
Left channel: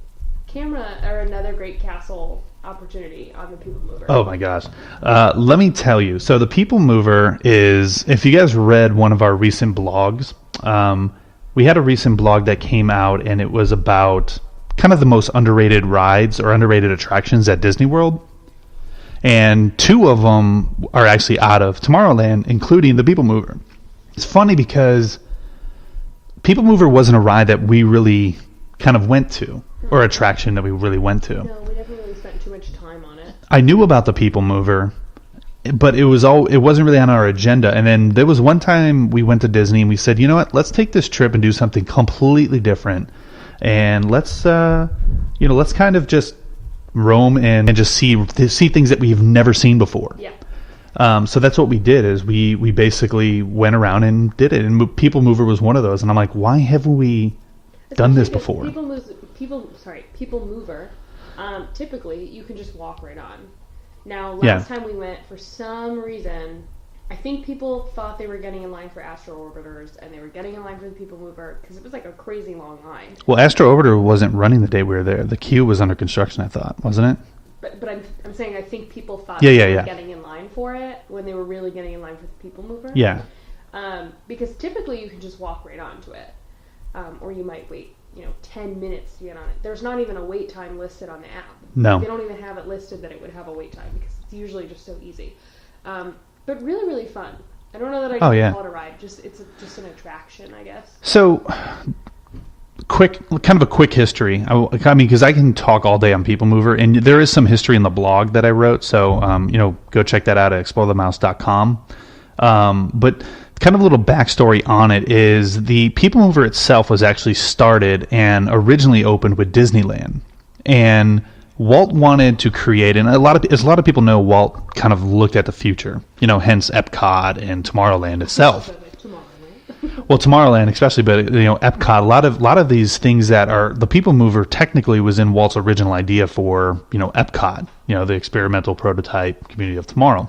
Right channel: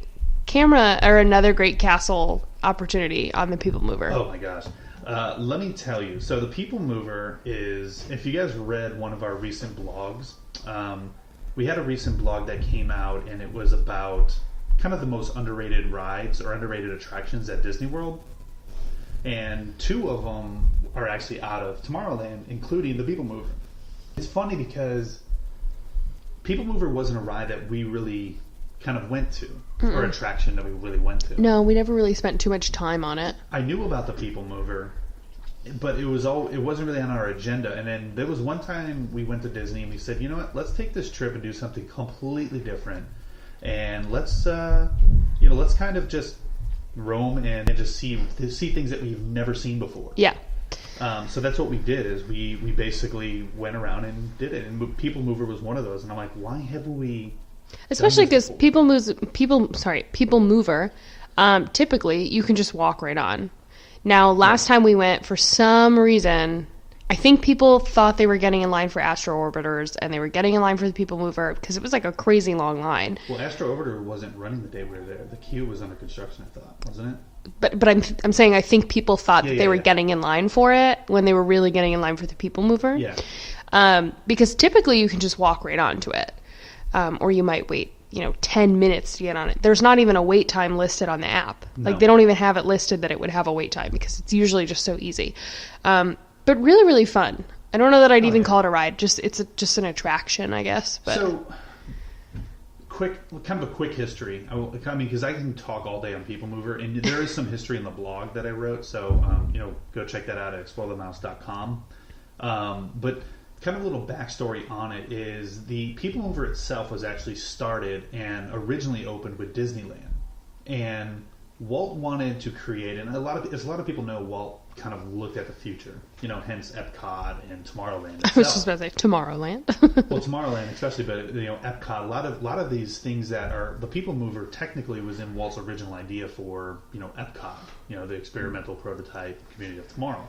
camera or another great castle opportunity on the People Mover. oh my gosh. Let me tell you. So the People Mover is, if you guys read one of our recent blogs, we had a recent blog that came out and it was about kind of the most underrated rides or underrated attractions at Disney World. And 2 of them are actually out of Tomorrowland, including the People Mover. It's funny because People Mover wasn't a ride that we really kind of went to, or attraction that we really went to. No, we never really spent too much time on it. I knew about the People Mover, but it wasn't really on our agenda. And then there was one time we went to Disney and we said, you know what, let's take this trip and do something completely different. And let's kind of just roam and just see things that we've never seen before. Yeah. So that's what we did is we basically went around and did it. And People Mover was one of those. And I'm like, why haven't we Especially done this because before? People Mover, typically you can just walk right on. Now, last time we went, for some reason, I think people thought they were getting in line for Astro Orbiters and they were getting in line for the People Mover because it was like a crazy long line. Well, Astro Orbiter wasn't running the day we were there. The queue was under construction, I thought, wasn't it? But I'm saying I think people thought they were getting in line for it when they were really getting in line for the People Mover. Yeah. Because typically you can just walk right onto it. Or you might wait, 10 minutes to get on it. There's not even a wait time listed on the app. No. Like, they don't even have it listed that it would have a wait time because it's usually just so easy. But really, really fun. I don't know that I'd even call it a ride. It's just an attraction, I guess. But. So, kind of a quick history. I mean, because I can talk all day on People Mover, and there is some history in the blog that I wrote. So, go check that out at explorethemouse.com. But kind of a little backstory on it is the People Mover itself was actually started and originally opened with Disneyland, and Walt wanted to create, and as a lot of people know, Walt kind of looked at the future, hence Epcot and Tomorrowland itself. I was just about to say Tomorrowland. Well, Tomorrowland especially, but Epcot, a lot of these things that are the People Mover technically was in Walt's original idea for Epcot, the experimental prototype community of tomorrow.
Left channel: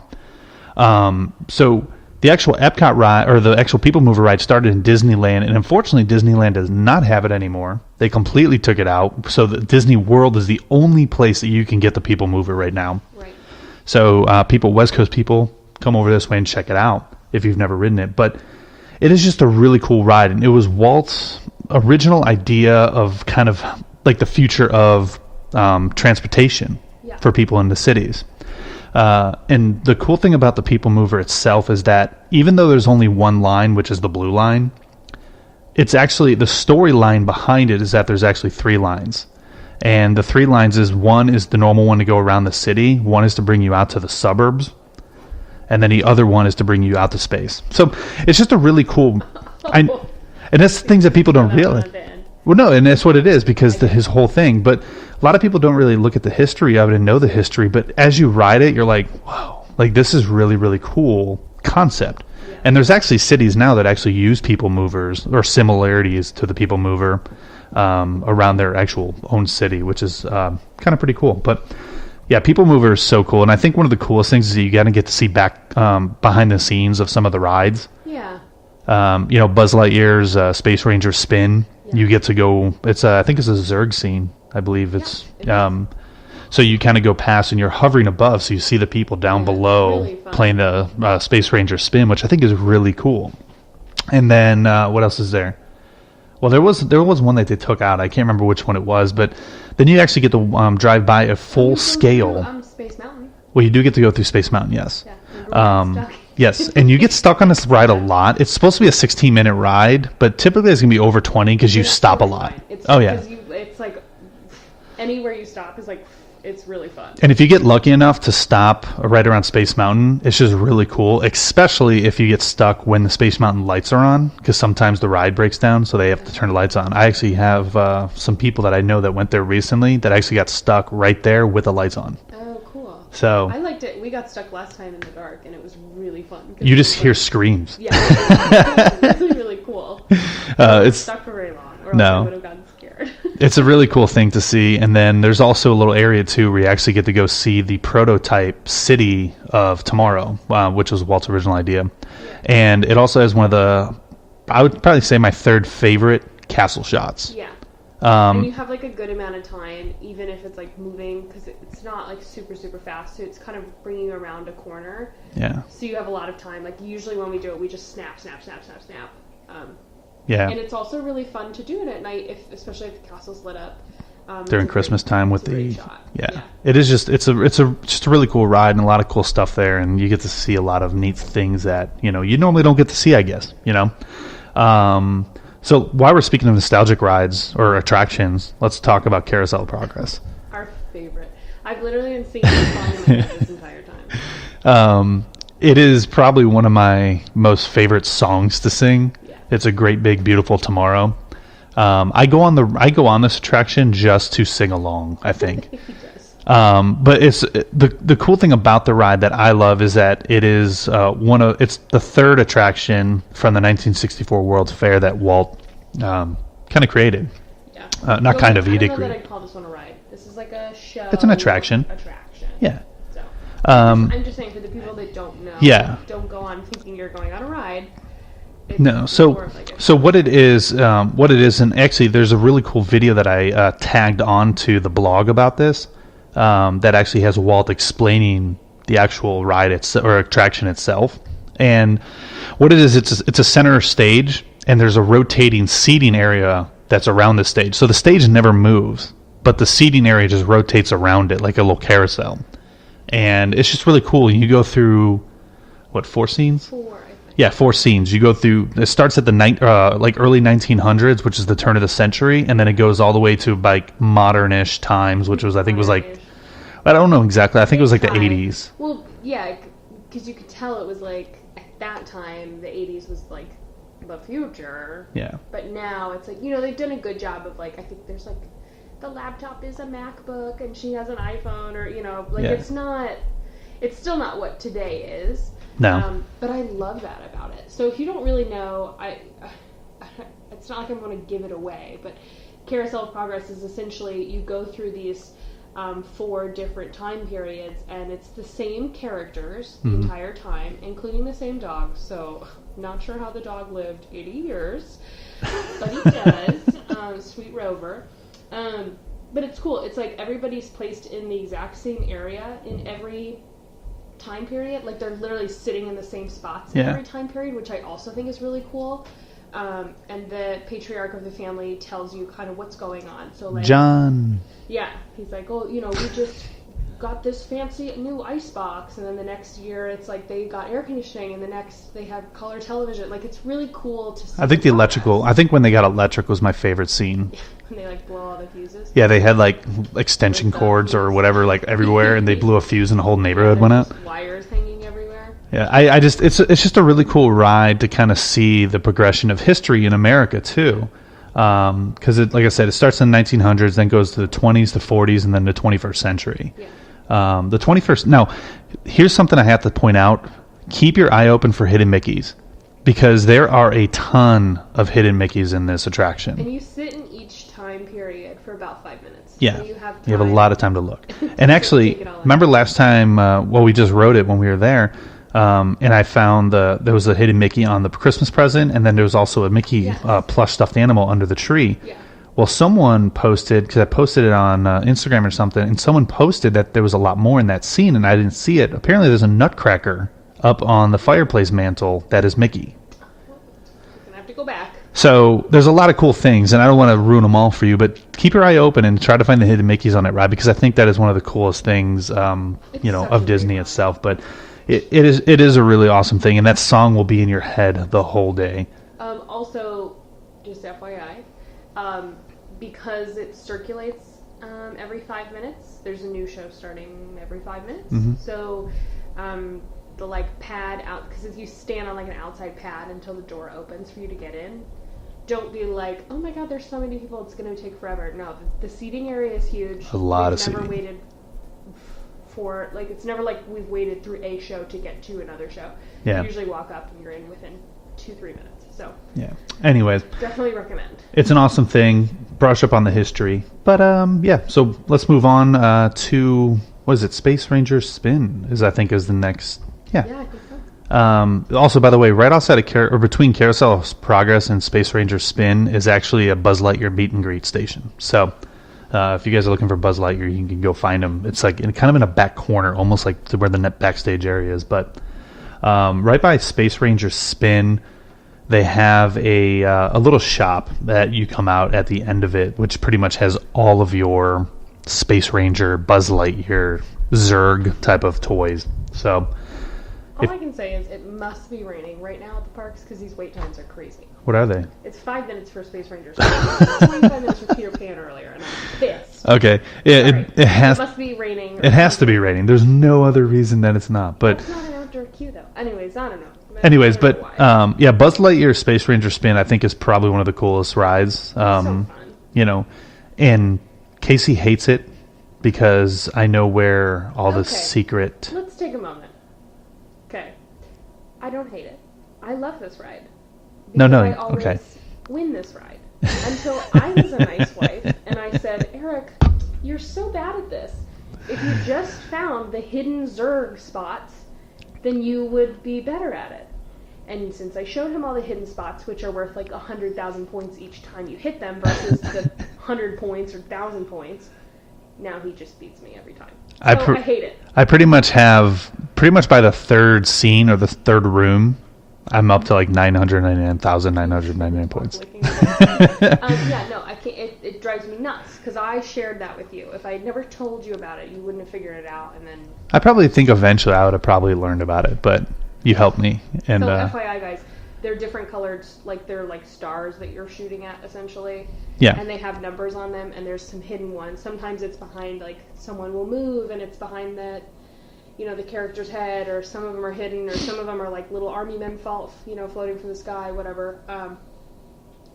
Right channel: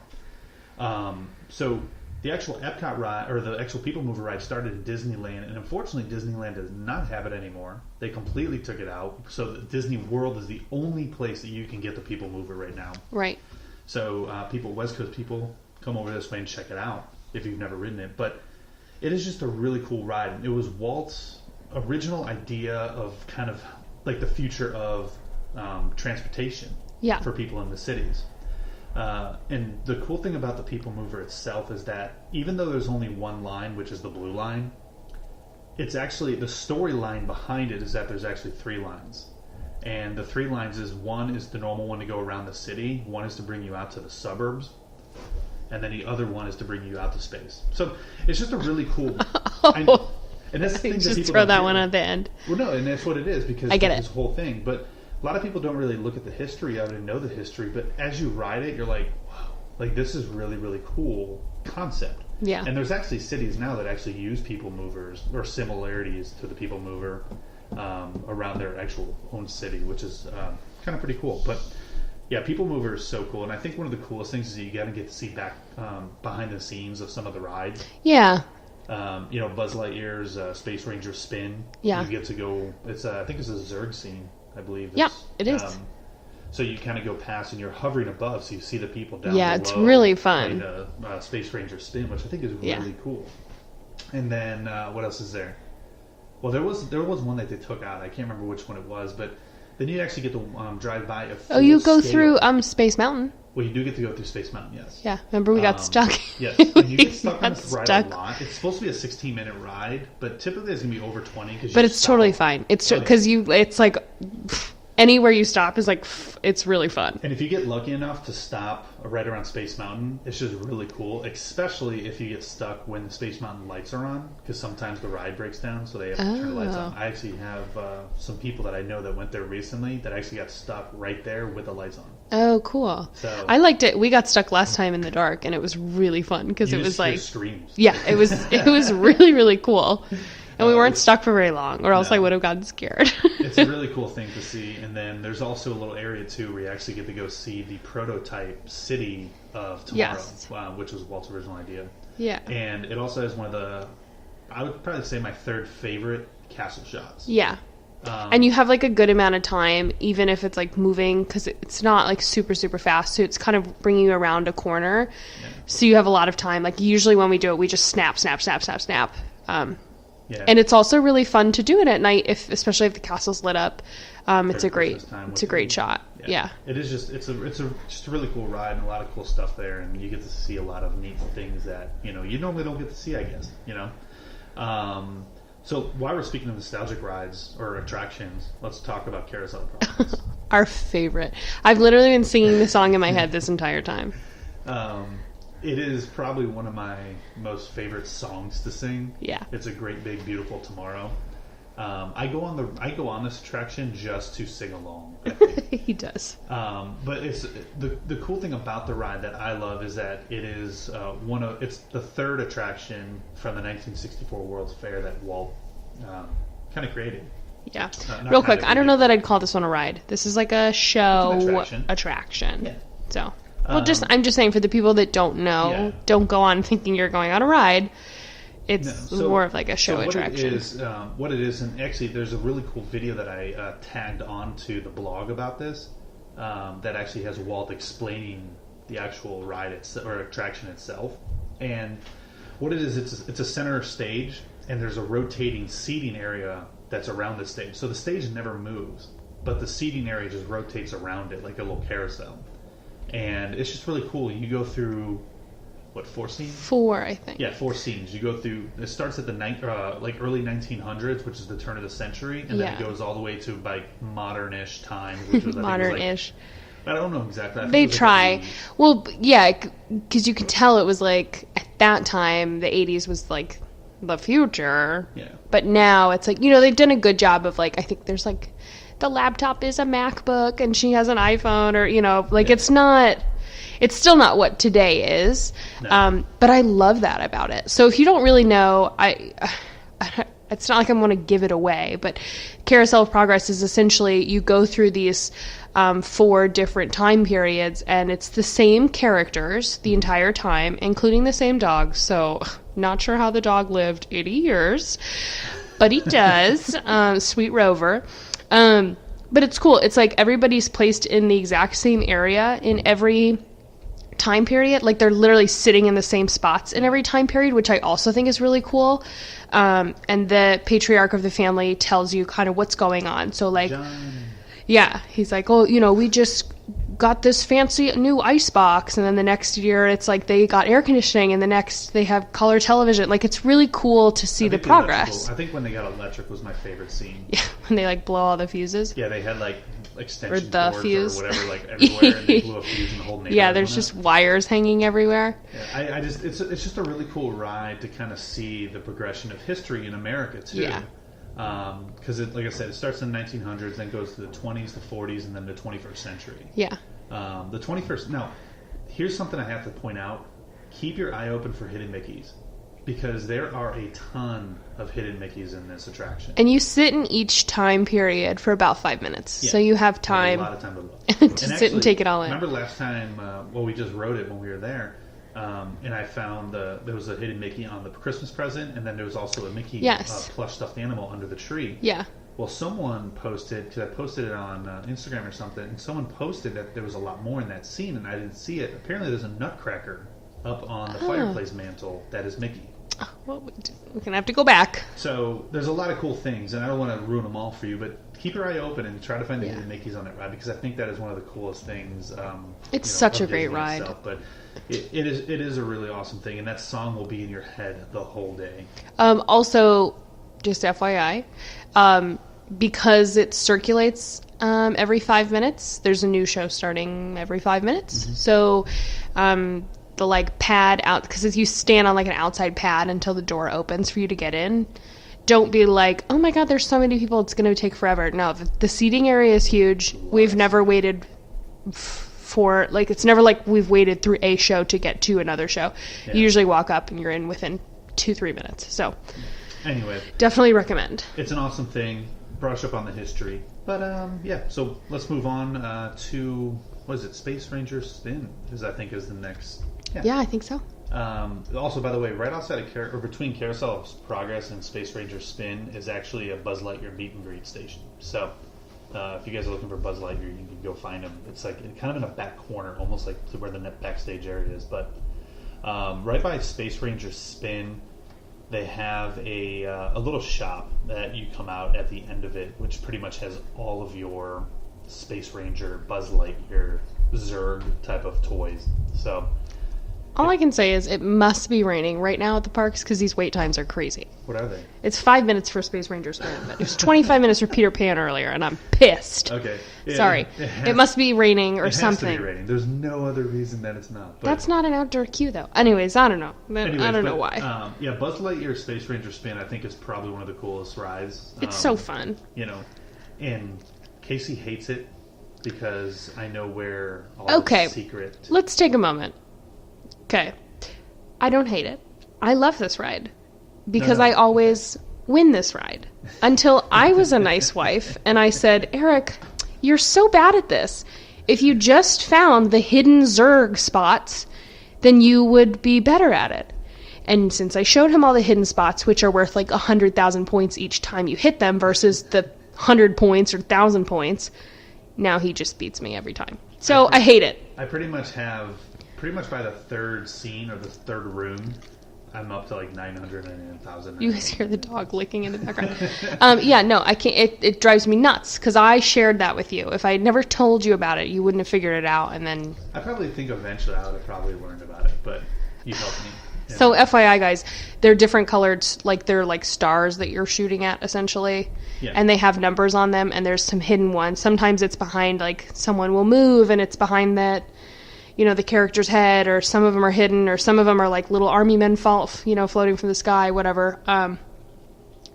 So the actual Epcot ride, or the actual People Mover ride, started in Disneyland, and unfortunately Disneyland does not have it anymore. They completely took it out, so the Disney World is the only place that you can get the People Mover right now. Right. So West Coast people, come over this way and check it out if you've never ridden it. But it is just a really cool ride, and it was Walt's original idea of kind of like the future of transportation for people in the cities. And the cool thing about the People Mover itself is that even though there's only one line, which is the blue line, it's actually the storyline behind it is that there's actually 3 lines. And the 3 lines is, one is the normal one to go around the city, one is to bring you out to the suburbs, and then the other one is to bring you out to space. So it's just a really cool... and that's the things that people don't Throw that realize. one at the end. Well, no, and that's what it is because his it. whole thing. But a lot of people don't really look at the history of it and know the history. But as you ride it, you're like, whoa, like this is really, really cool concept. Yeah. And there's actually cities now that actually use People Movers or similarities to the People Mover around their actual own city, which is kind of pretty cool. But yeah, People Mover is so cool. And I think one of the coolest things is that you got to get to see back behind the scenes of some of the rides. Yeah. Buzz Lightyear's Space Ranger spin. Yeah. You get to go. It's I think it's a Zurg scene. I believe it's. It is. So you kind of go past and you're hovering above, so you see the people down below it's really fun. playing the Space Ranger spin, which I think is really cool. And then what else is there? Well, there was one that they took out. I can't remember which one it was, but then you actually get to drive by a full you go scale. through Space Mountain. Well, you do get to go through Space Mountain, yes. Yeah, remember we got stuck. Yes, and you get stuck on this ride a stuck. lot. It's supposed to be a 16-minute ride, but typically it's going to be over 20 because you But it's stop totally a lot. fine. It's Oh, yeah. because it's like anywhere you stop is like it's really fun. And if you get lucky enough to stop right around Space Mountain, it's just really cool, especially if you get stuck when the Space Mountain lights are on, because sometimes the ride breaks down, so they have to turn the lights on. I actually have some people that I know that went there recently that actually got stuck right there with the lights on. Oh, cool. So I liked it. We got stuck last time in the dark, and it was really fun. you just hear screams. Yeah, it was really, really cool. But we weren't it's- stuck for very long, or else I No. would have gotten scared. It's a really cool thing to see. And then there's also a little area, too, where you actually get to go see the prototype city of Tomorrow, which was Walt's original idea. Yeah. And it also has one of the, I would probably say my third favorite castle shots. Yeah. And you have like a good amount of time, even if it's like moving, because it's not like super, super fast. So it's kind of bringing you around a corner. Yeah. So you have a lot of time. Like usually when we do it, we just snap, snap, snap, snap, snap. Yeah. And it's also really fun to do it at night, especially if the castle's lit up. During Christmas time, with it's a great shot. Yeah. It is just it's just a really cool ride and a lot of cool stuff there, and you get to see a lot of neat things that you normally don't get to see, I guess. So while we're speaking of nostalgic rides or attractions, let's talk about Carousel of Progress. Our favorite. I've literally been singing the song in my head this entire time. It is probably one of my most favorite songs to sing. Yeah. It's a great big beautiful tomorrow. I go on this attraction just to sing along, I think. He does. But it's the cool thing about the ride that I love is that it is it's the third attraction from the 1964 World's Fair that Walt kind of created. Yeah. Not kind of. I don't know that I'd call this one a ride. This is like a show. It's an attraction. Yeah. So I'm just saying for the people that don't know, don't go on thinking you're going on a ride. It's more of like a show. So what it is, and actually there's a really cool video that I tagged onto the blog about this that actually has Walt explaining the actual ride or attraction itself. And what it is, it's a center stage, and there's a rotating seating area that's around the stage. So the stage never moves, but the seating area just rotates around it like a little carousel. And it's just really cool. You go through, what, 4 scenes? 4, I think. Yeah, 4 scenes. You go through, it starts at the early 1900s, which is the turn of the century, and then it goes all the way to like modern-ish times, which was, I think was like, I don't know exactly. I think it was like the 80s. Well, yeah, because you can tell it was like, at that time, the 80s was like the future. Yeah. But now it's like, they've done a good job of like, I think there's like, the laptop is a MacBook and she has an iPhone, or, it's still not what today is. No. But I love that about it. So if you don't really know, it's not like I'm going to give it away, but Carousel of Progress is essentially you go through these 4 different time periods, and it's the same characters the entire time, including the same dog. So not sure how the dog lived 80 years, but he does. Sweet Rover. But it's cool. It's like everybody's placed in the exact same area in every time period. Like they're literally sitting in the same spots in every time period, which I also think is really cool. And the patriarch of the family tells you kind of what's going on. So like John. Yeah, he's like, oh, we just got this fancy new ice box, and then the next year it's like they got air conditioning, and the next they have color television. Like it's really cool to see. I think the electrical. I think when they got electric was my favorite scene. Yeah, when they like blow all the fuses. Yeah, they had like extension cords or whatever like everywhere, and they blew a fuse, and the whole neighborhood went up. There's just wires hanging everywhere. Yeah, I just it's just a really cool ride to kind of see the progression of history in America too. Because like I said, it starts in the 1900s, then goes to the 20s, the 40s, and then the 21st century. Yeah. The 21st. Now, here's something I have to point out. Keep your eye open for hidden Mickeys, because there are a ton of hidden Mickeys in this attraction. And you sit in each time period for about 5 minutes. Yeah. So you have time. You have a lot of time to look. To and actually, take it all in. remember last time, we just rode it when we were there, and I found there was a hidden Mickey on the Christmas present, and then there was also a Mickey plush stuffed animal under the tree. Yeah. Well, someone posted, because I posted it on Instagram or something, and someone posted that there was a lot more in that scene, and I didn't see it. Apparently, there's a nutcracker up on the fireplace mantle that is Mickey. We're going to have to go back. So there's a lot of cool things, and I don't want to ruin them all for you, but keep your eye open and try to find the hidden Mickeys on that ride, because I think that is one of the coolest things, Such of a Disney great ride. itself. But it is a really awesome thing, and that song will be in your head the whole day. Also, just FYI, because it circulates every 5 minutes, there's a new show starting every 5 minutes. Mm-hmm. So the like pad out, because you stand on like an outside pad until the door opens for you to get in. Don't be like, oh my god, there's so many people, it's going to take forever. No, the seating area is huge. We've never seating. waited for, like, it's never like we've waited through a show to get to another show. Yeah. You usually walk up and you're in within 2-3 minutes. So Yeah. Anyways, definitely recommend. it's an awesome thing. Brush up on the history. But yeah, so let's move on to, what is it, Space Ranger Spin I think is the next. Yeah, I think so. Also, by the way, right outside of or between Carousel Progress and Space Ranger Spin is actually a Buzz Lightyear meet and greet station. So if you guys are looking for Buzz Lightyear, you can go find him. It's like kind of in a back corner, almost like to where the net backstage area is. But right by Space Ranger Spin, they have a little shop that you come out at the end of it, which pretty much has all of your Space Ranger, Buzz Lightyear, Zurg type of toys. So All I can say is it must be raining right now at the parks because these wait times are crazy. what are they? It's 5 minutes for Space Rangers. It's 25 minutes for Peter Pan earlier, and I'm pissed. Okay. Yeah, Sorry. it must be raining or It has to something. be raining. There's no other reason that it's not. But That's not an outdoor queue, though. Anyways, I don't know. anyways, I don't but know why. yeah, Buzz Lightyear Space Ranger Spin I think is probably one of the coolest rides. It's so fun. You know, and Casey hates it because I know where all Okay. the secret. Let's take a moment. Okay. I don't hate it. I love this ride. Because no, I always win this ride. Until I was a nice wife and I said, Eric, you're so bad at this. If you just found the hidden Zurg spots, then you would be better at it. And since I showed him all the hidden spots, which are worth like 100,000 points each time you hit them versus the 100 points or 1,000 points, now he just beats me every time. So I hate it. I pretty much by the third scene or the third room, I'm up to like 999,999 You hear the dog points. licking in the background. Yeah, no, I can't. It drives me nuts because I shared that with you. If I had never told you about it, you wouldn't have figured it out. And then I probably think eventually I would have probably learned about it, but you helped me. And, so FYI, guys, they're different colored, like they're like stars that you're shooting at essentially. Yeah. And they have numbers on them, and there's some hidden ones. Sometimes it's behind, like someone will move, and it's behind that, you know, the character's head, or some of them are hidden, or some of them are like little army men floating from the sky, whatever.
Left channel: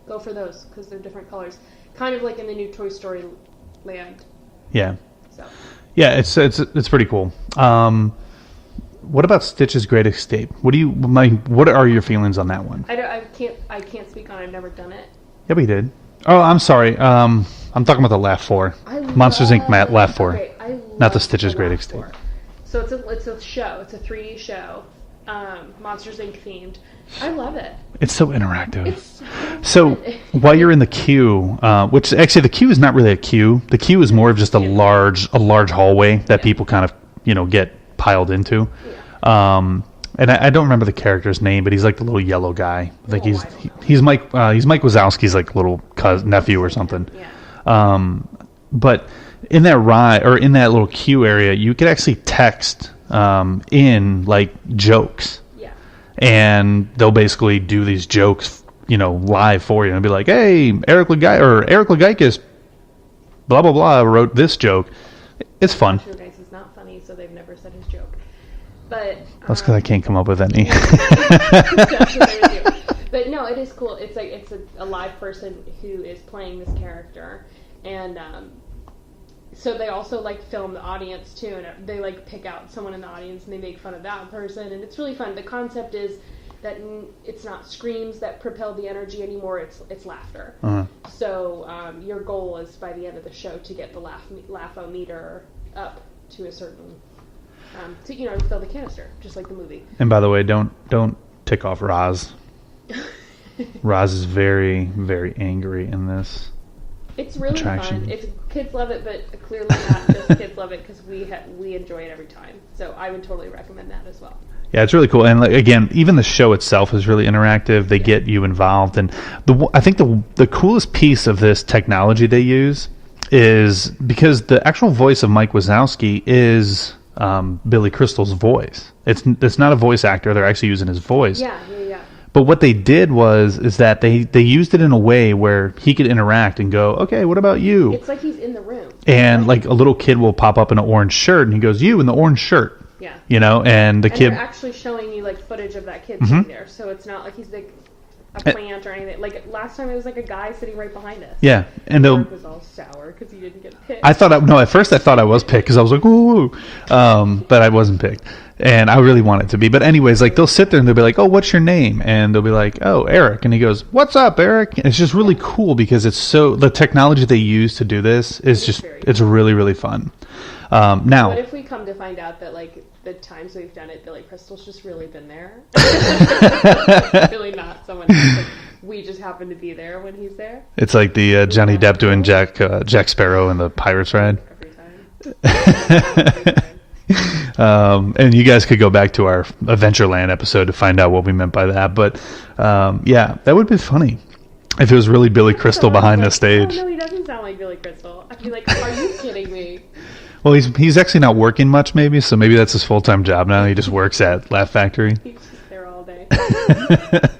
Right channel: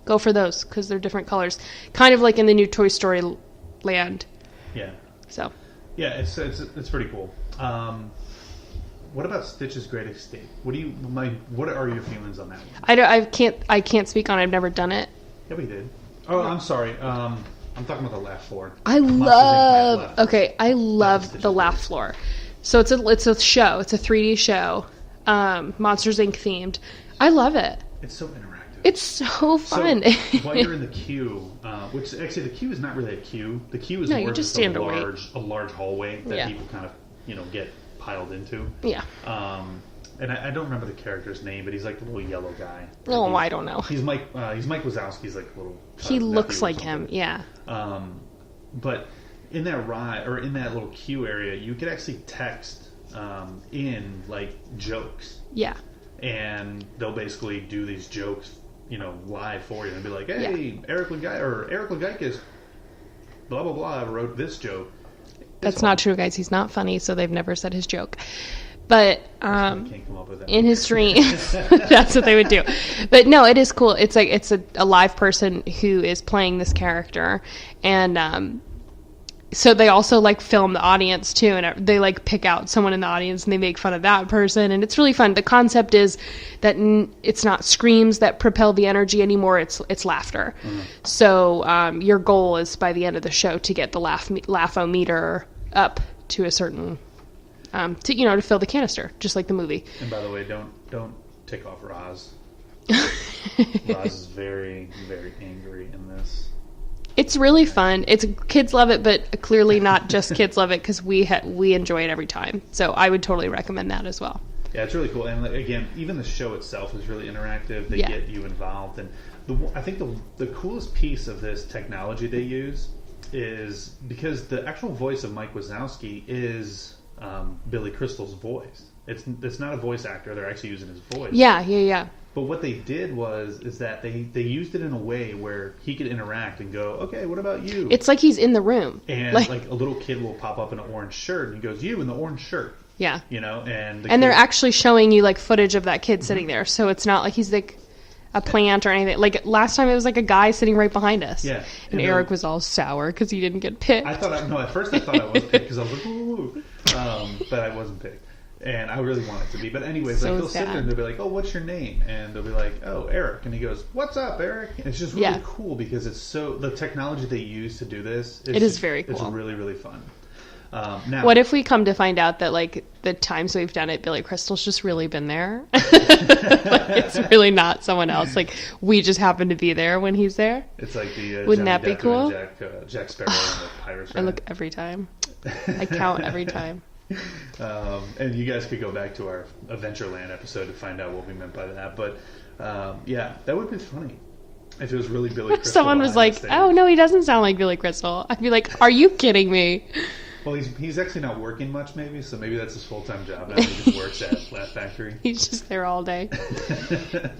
Go for those because they're different colors, kind of like in the new Toy Story Land. yeah. So Yeah, it's pretty cool. What about Stitch's Great Escape? What are your feelings on that one? I can't speak on it. I've never done it. Yeah, we did. Oh, I'm sorry. I'm talking about the Laugh Floor. Monsters Inc. Laugh Floor. Okay, I love not the Stitch's Great Laugh Escape. Floor. So it's a show. It's a 3D show, Monsters Inc. themed. I love it. It's so interactive. It's so fun. So while you're in the queue, which actually the queue is not really a queue. The queue is more you're of just just a standing large hallway that Yeah. people kind of get piled into. Yeah. And I don't remember the character's name, but he's like the little yellow guy. Like Oh, I don't know. He's Mike Wazowski's like little He nephew or looks like something. him, Yeah. But in that ride or in that little queue area, you could actually text in like jokes, Yeah. and they'll basically do these jokes, live for you, and be like, "Hey, Eric Legakis, blah blah blah, wrote this joke." It's That's fun. not true, guys. He's not funny, so they've never said his joke. But That's because I can't come up with in any. his dream, that's what they would do. But no, it is cool. It's like it's a live person who is playing this character, and so they also like film the audience too, and they like pick out someone in the audience and they make fun of that person, and it's really fun. The concept is that it's not screams that propel the energy anymore; it's laughter. So your goal is by the end of the show to get the laugh-o-meter up to a certain. To fill the canister, just like the movie. And by the way, don't tick off Roz. Roz is very, very angry in this. It's really attraction. fun. It's kids love it, but clearly not just kids love it because we enjoy it every time. So I would totally recommend that as well. Yeah, it's really cool. And like, again, even the show itself is really interactive. They get you involved. And I think the coolest piece of this technology they use is because the actual voice of Mike Wazowski is Billy Crystal's voice. It's not a voice actor. They're actually using his voice. Yeah. But what they did is that they used it in a way where he could interact and go, okay, what about you? It's like he's in the room. And like a little kid will pop up in an orange shirt and he goes, you in the orange shirt. Yeah. You know, and the kid... they're actually showing you like footage of that kid sitting there. So it's not like he's like a plant or anything. Like last time it was like a guy sitting right behind us. Yeah. And Eric was all sour because he didn't get picked. At first I thought I was picked because I was like, woo. But I wasn't picked. And I really want it to be. But anyways, like they'll sit there and they'll be like, oh, what's your name? And they'll be like, oh, Eric. And he goes, what's up, Eric? And it's just really cool because the technology they use to do this is very cool. It's really, really fun. Now, what if we come to find out that like the times we've done it, Billy Crystal's just really been there? It's really not someone else. Like we just happen to be there when he's there. It's like the Johnny Depp doing cool? Jack Sparrow in the Pirates ride. Every time. I count every time. And you guys could go back to our Adventureland episode to find out what we meant by that. But yeah, that would be funny if it was really Billy Crystal behind the stage. Oh no, he doesn't sound like Billy Crystal. I'd be like, are you kidding me? Well, he's actually not working much, maybe, so maybe that's his full-time job now. He just works at Laugh Factory. He's just there all day.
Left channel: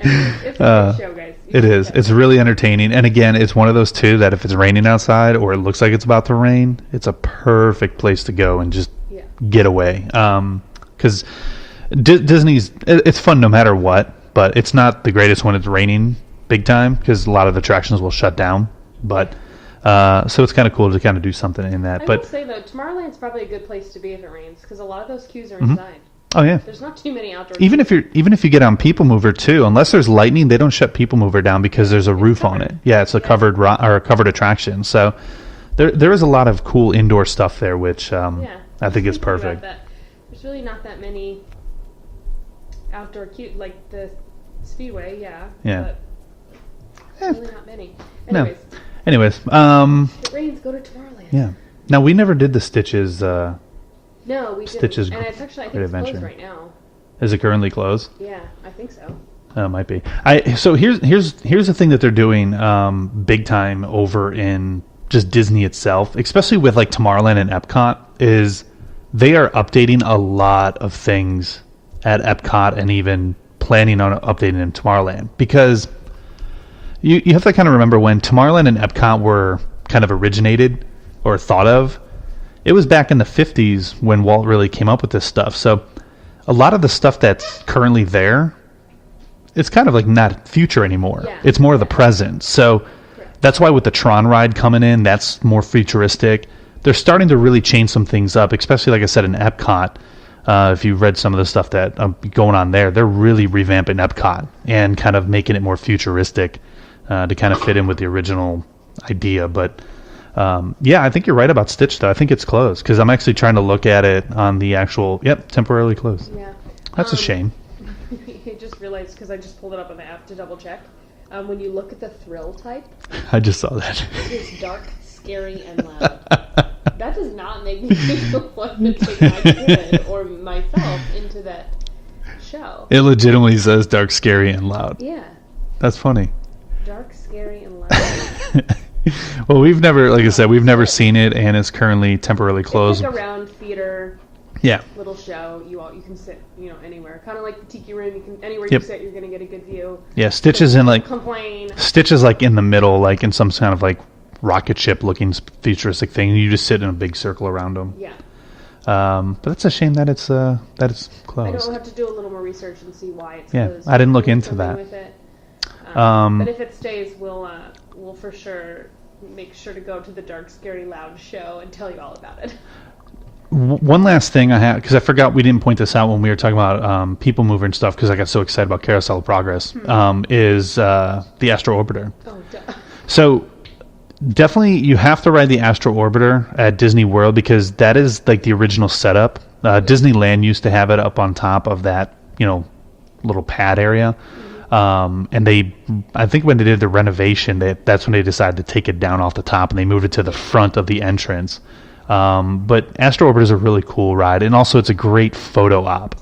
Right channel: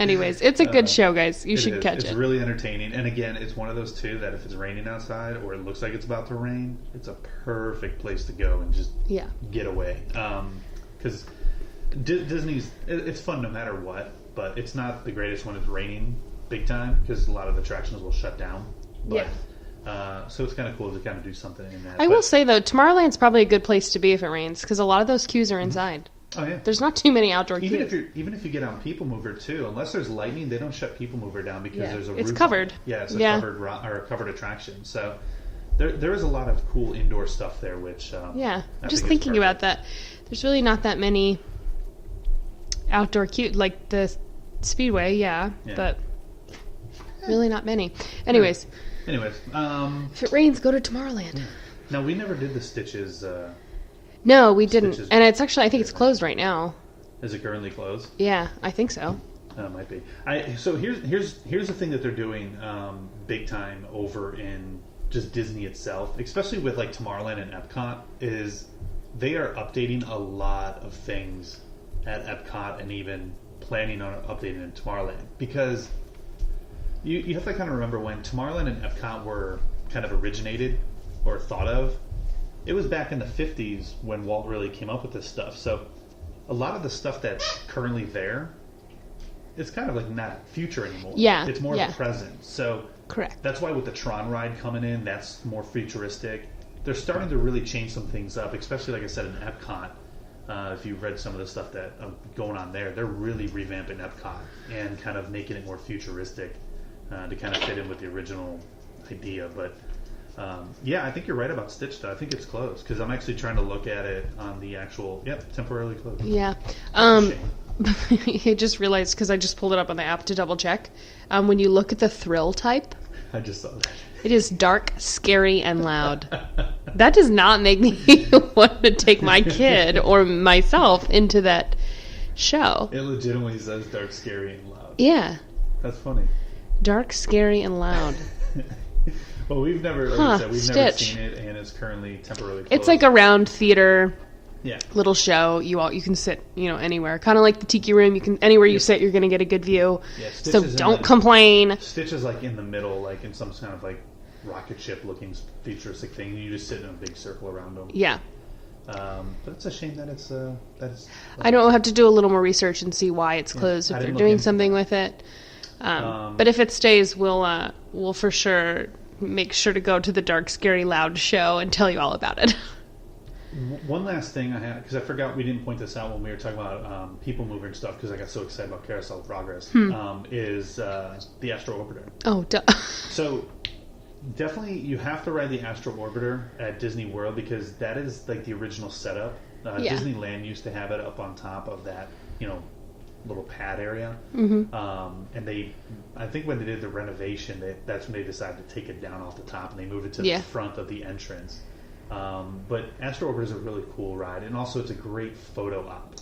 Anyways, it's a good show, guys. You should catch It's really entertaining. And again, it's one of those, too, that if it's raining outside or it looks like it's about to rain, it's a perfect place to go and just get away. Because Disney's, it's fun no matter what, but it's not the greatest when it's raining big time because a lot of attractions will shut down. But... so it's kind of cool to kind of do something in that. I will say, though, Tomorrowland's probably a good place to be if it rains, because a lot of those queues are inside. Oh, yeah. There's not too many outdoor even queues. Even if you get on People Mover, too, unless there's lightning, they don't shut People Mover down because there's a roof on it. Yeah, it's a covered attraction. So there is a lot of cool indoor stuff there, which I think is perfect. About that. There's really not that many outdoor queues, like the Speedway, but really not many. Anyways. No. If it rains, go to Tomorrowland. Yeah. Now, we never did the Stitches. No, we didn't. And it's actually, I think it's closed right now. Is it currently closed? Yeah, I think so. It might be. So here's the thing that they're doing big time over in just Disney itself, especially with like Tomorrowland and Epcot, is they are updating a lot of things at Epcot and even planning on updating in Tomorrowland because you have to kind of remember when Tomorrowland and Epcot were kind of originated or thought of. It was back in the 50s when Walt really came up with this stuff. So a lot of the stuff that's currently there, it's kind of like not future anymore. Yeah. It's more of the present. So correct. That's why with the Tron ride coming in, that's more futuristic. They're starting to really change some things up, especially like I said in Epcot. If you've read some of the stuff that going on there, they're really revamping Epcot and kind of making it more futuristic. To kind of fit in with the original idea. But, I think you're right about Stitch, though. I think it's closed, because I'm actually trying to look at it on the actual, temporarily closed. Yeah. That's a shame. I just realized, because I just pulled it up on the app to double check, when you look at the thrill type... I just saw that. It is dark, scary, and loud. That does not make me want to take my kid or myself into that show. It legitimately says dark, scary, and loud. Yeah. That's funny. Dark, scary, and loud. Well, we've never, like I said, we've never seen it, and it's currently temporarily closed. It's like a round theater, yeah, little show. You can sit, anywhere. Kind of like the Tiki Room. You can anywhere you sit, you're gonna get a good view. Yeah, Stitch is in don't complain. Stitch is like in the middle, like in some kind of like rocket ship looking futuristic thing. You just sit in a big circle around them. Yeah. But it's a shame that it's closed. I know. I'll have to do a little more research and see why it's closed. I didn't look into something that. with it. But if it stays, we'll for sure make sure to go to the Dark, Scary, Loud show and tell you all about it. One last thing I have, because I forgot we didn't point this out when we were talking about People Mover and stuff, because I got so excited about Carousel of Progress, is the Astro Orbiter. Oh, duh. So definitely you have to ride the Astro Orbiter at Disney World, because that is like the original setup. Disneyland used to have it up on top of that, little pad area. And I think when they did the renovation, that's when they decided to take it down off the top and they moved it to the front of the entrance. But Astro Orbiter is a really cool ride, and also it's a great photo op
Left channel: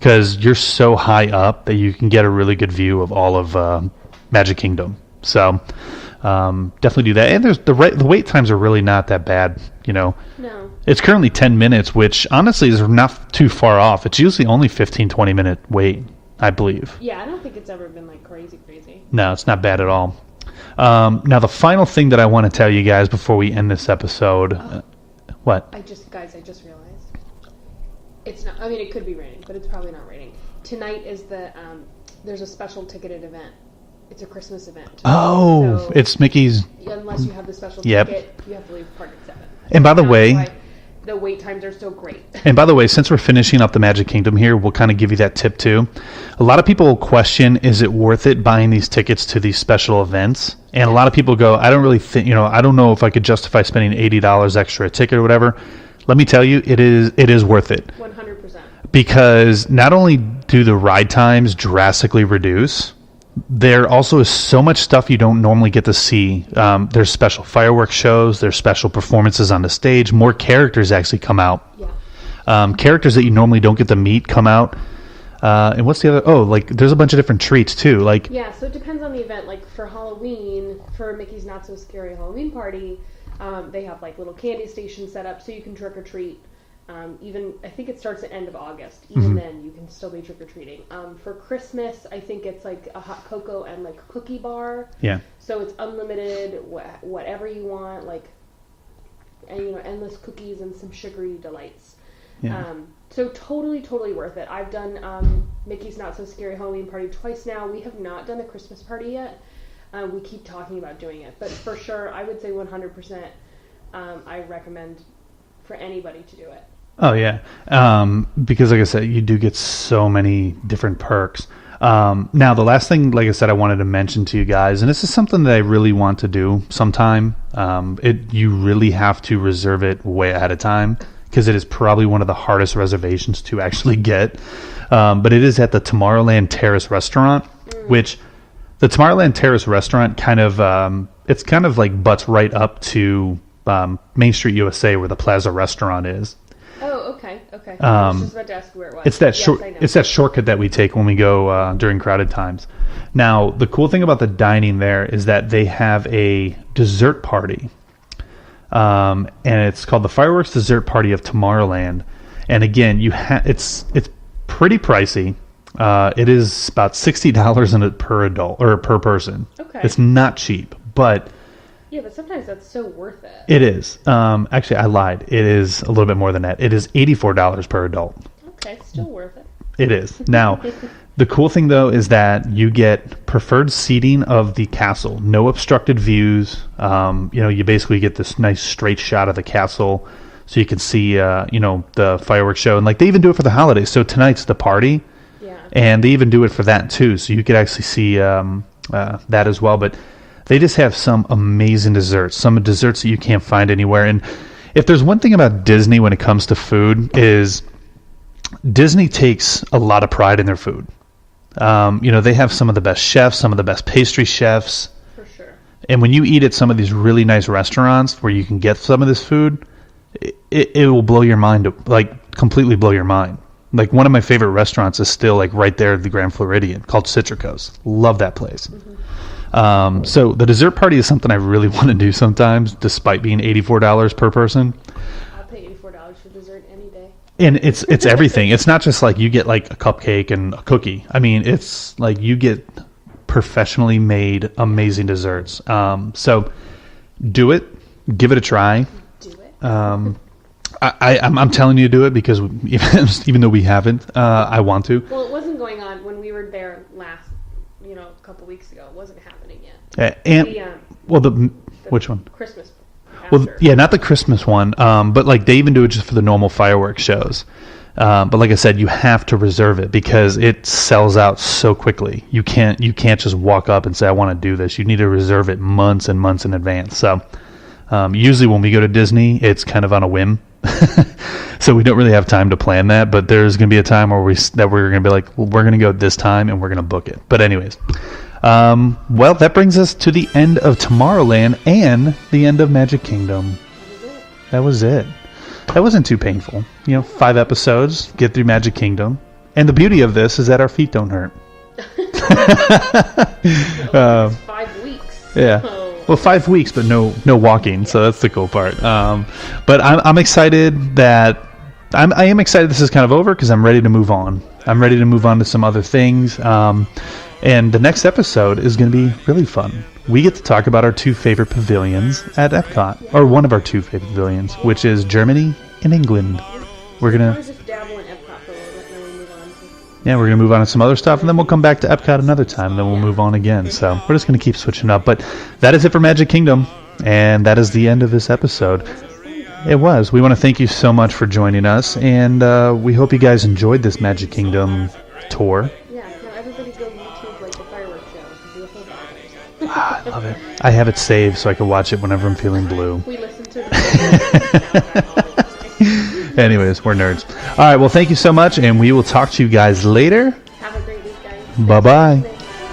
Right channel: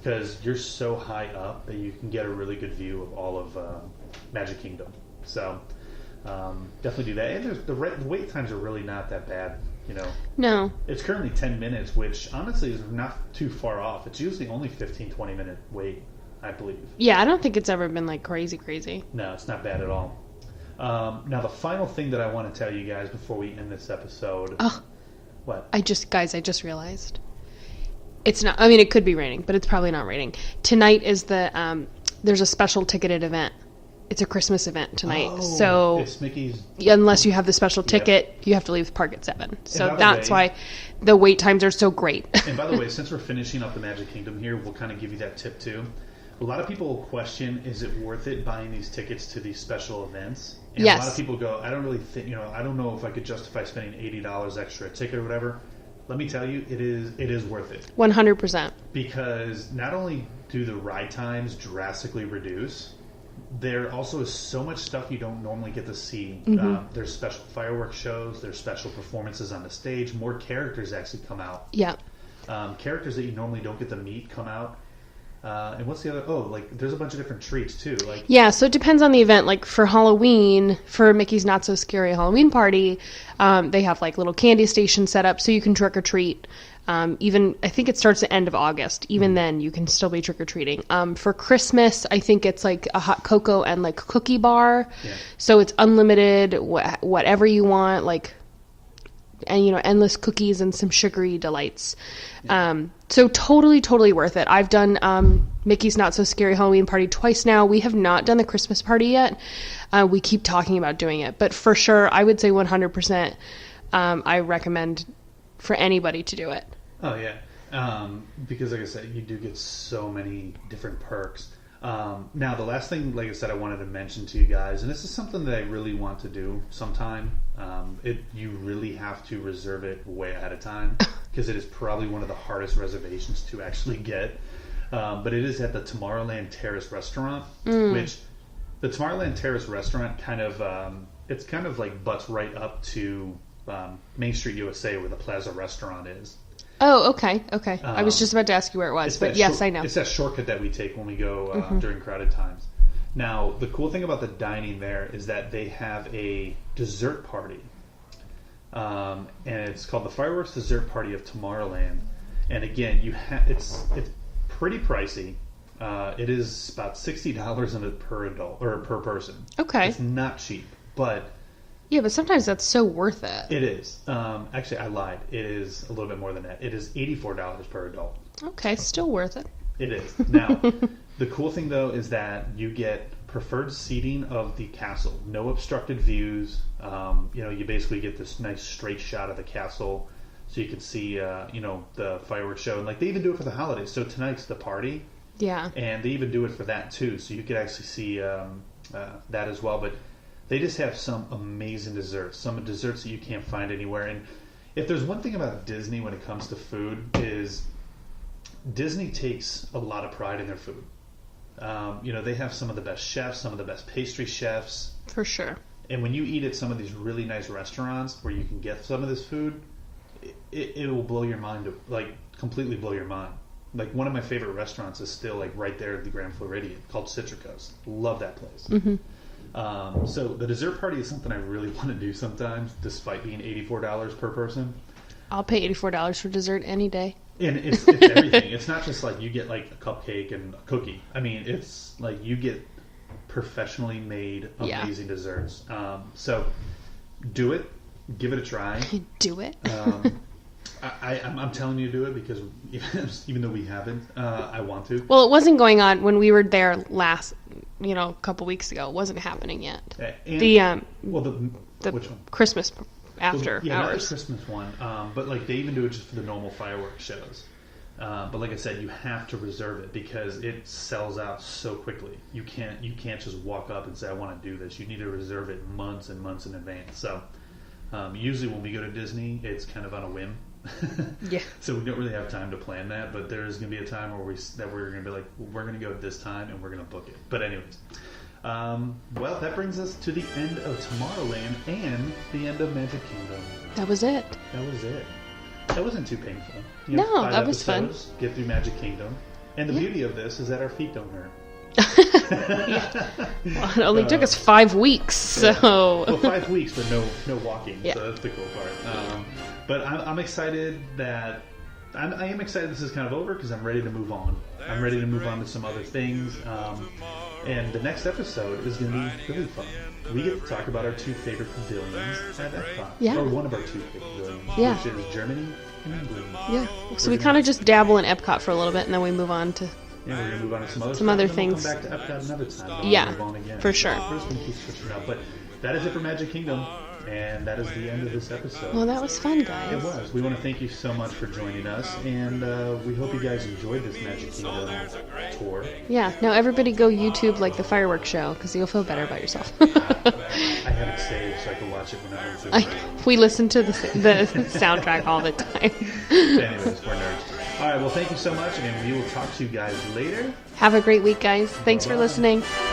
because you're so high up that you can get a really good view of all of Magic Kingdom. So definitely do that. And the wait times are really not that bad. No. It's currently 10 minutes, which honestly is not too far off. It's usually only 15-20 minute wait, I believe. Yeah, I don't think it's ever been like crazy. No, it's not bad at all. Now the final thing that I want to tell you guys before we end this episode. What? I just realized. It's not. I mean, it could be raining, but it's probably not raining. Tonight is there's a special ticketed event. It's a Christmas event tonight. Oh, so it's Mickey's. Unless you have the special ticket, you have to leave the park at 7. So and by the way, that's why the wait times are so great. And by the way, since we're finishing up the Magic Kingdom here, we'll kind of give you that tip too. A lot of people question, is it worth it buying these tickets to these special events? And Yes. A lot of people go, I don't really think, I don't know if I could justify spending $80 extra a ticket or whatever. Let me tell you, it is worth it. 100%. Because not only do the ride times drastically reduce, there also is so much stuff you don't normally get to see. There's special fireworks shows, there's special performances on the stage, more characters actually come out. Yeah. Characters that you normally don't get to meet come out. And what's the other? There's a bunch of different treats too. Yeah, so it depends on the event. Like for Halloween, for Mickey's Not So Scary Halloween Party, they have like little candy stations set up so you can trick or treat. Even I think it starts at the end of August. Even then, you can still be trick or treating. For Christmas, I think it's like a hot cocoa and like cookie bar. Yeah. So it's unlimited, whatever you want, and endless cookies and some sugary delights. Yeah. So totally worth it. I've done Mickey's Not So Scary Halloween Party twice now. We have not done the Christmas party yet. We keep talking about doing it, but for sure, I would say 100%. I recommend for anybody to do it. Oh yeah, because like I said, you do get so many different perks. Now the last thing, like I said, I wanted to mention to you guys, and this is something that I really want to do sometime. You really have to reserve it way ahead of time because it is probably one of the hardest reservations to actually get. But it is at the Tommorrowland Terrace restaurant, which the Tommorrowland Terrace restaurant kind of like butts right up to Main Street USA where the Plaza restaurant is. Oh, okay. I was just about to ask you where it was. It's that yes, I know. It's that shortcut that we take when we go during crowded times. Now, the cool thing about the dining there is that they have a dessert party, and it's called the Fireworks Dessert Party of Tomorrowland. And again, it's pretty pricey. It is about $60 per adult or per person. Okay. It's not cheap, but. Yeah, but sometimes that's so worth it. It is. Actually, I lied. It is a little bit more than that. It is $84 per adult. Okay, still worth it. It is. Now, the cool thing, though, is that you get preferred seating of the castle. No obstructed views. You basically get this nice straight shot of the castle so you can see, the fireworks show. And, they even do it for the holidays. So tonight's the party. Yeah. And they even do it for that, too. So you could actually see that as well. But they just have some amazing desserts, some desserts that you can't find anywhere. And if there's one thing about Disney when it comes to food is Disney takes a lot of pride in their food. They have some of the best chefs, some of the best pastry chefs. For sure. And when you eat at some of these really nice restaurants where you can get some of this food, it will blow your mind, completely blow your mind. One of my favorite restaurants is still right there at the Grand Floridian called Citrico's. Love that place. Mm-hmm. So the dessert party is something I really want to do sometimes, despite being $84 per person. I'll pay $84 for dessert any day. And it's everything. It's not just you get a cupcake and a cookie. I mean, it's you get professionally made amazing desserts. So do it. Give it a try. Do it. I'm telling you to do it because even though we haven't, I want to. Well, it wasn't going on when we were there last. A couple weeks ago. It wasn't happening yet. Which one? Christmas after. Well, yeah, not the Christmas one, but they even do it just for the normal fireworks shows. But like I said, you have to reserve it because it sells out so quickly. You can't just walk up and say, I want to do this. You need to reserve it months and months in advance. So usually when we go to Disney, it's kind of on a whim. So we don't really have time to plan that, but there's going to be a time where we're going to be we're going to go this time and we're going to book it. But anyways, well, that brings us to the end of Tomorrowland and the end of Magic Kingdom. That was it. That wasn't too painful. 5 episodes, get through Magic Kingdom. And the beauty of this is that our feet don't hurt. It took us 5 weeks. So. Yeah. Well, 5 weeks, but no walking. Yeah. So that's the cool part. But I'm excited that I am excited this is kind of over because I'm ready to move on. I'm ready to move on to some other things. And the next episode is going to be really fun. We get to talk about our 2 favorite pavilions at Epcot, or one of our 2 favorite pavilions, which is Germany and England. Yeah. So we kind of just dabble in Epcot for a little bit, and then we move on to. Yeah, we're going to move on to some other stuff, and then we'll come back to Epcot another time. Then we'll move on again. So sure. We're just going to keep switching up. But that is it for Magic Kingdom, and that is the end of this episode. Well, that was fun, guys. It was. We want to thank you so much for joining us, and we hope you guys enjoyed this Magic Kingdom tour. Yeah. Now everybody go YouTube like the fireworks show because you'll feel better about yourself. I love it. I have it saved so I can watch it whenever I'm feeling blue. We listen to the soundtrack all the time. Anyways, we're nerds. All right. Well, thank you so much, and we will talk to you guys later. Have a great week, guys. Bye-bye. Thanks for listening.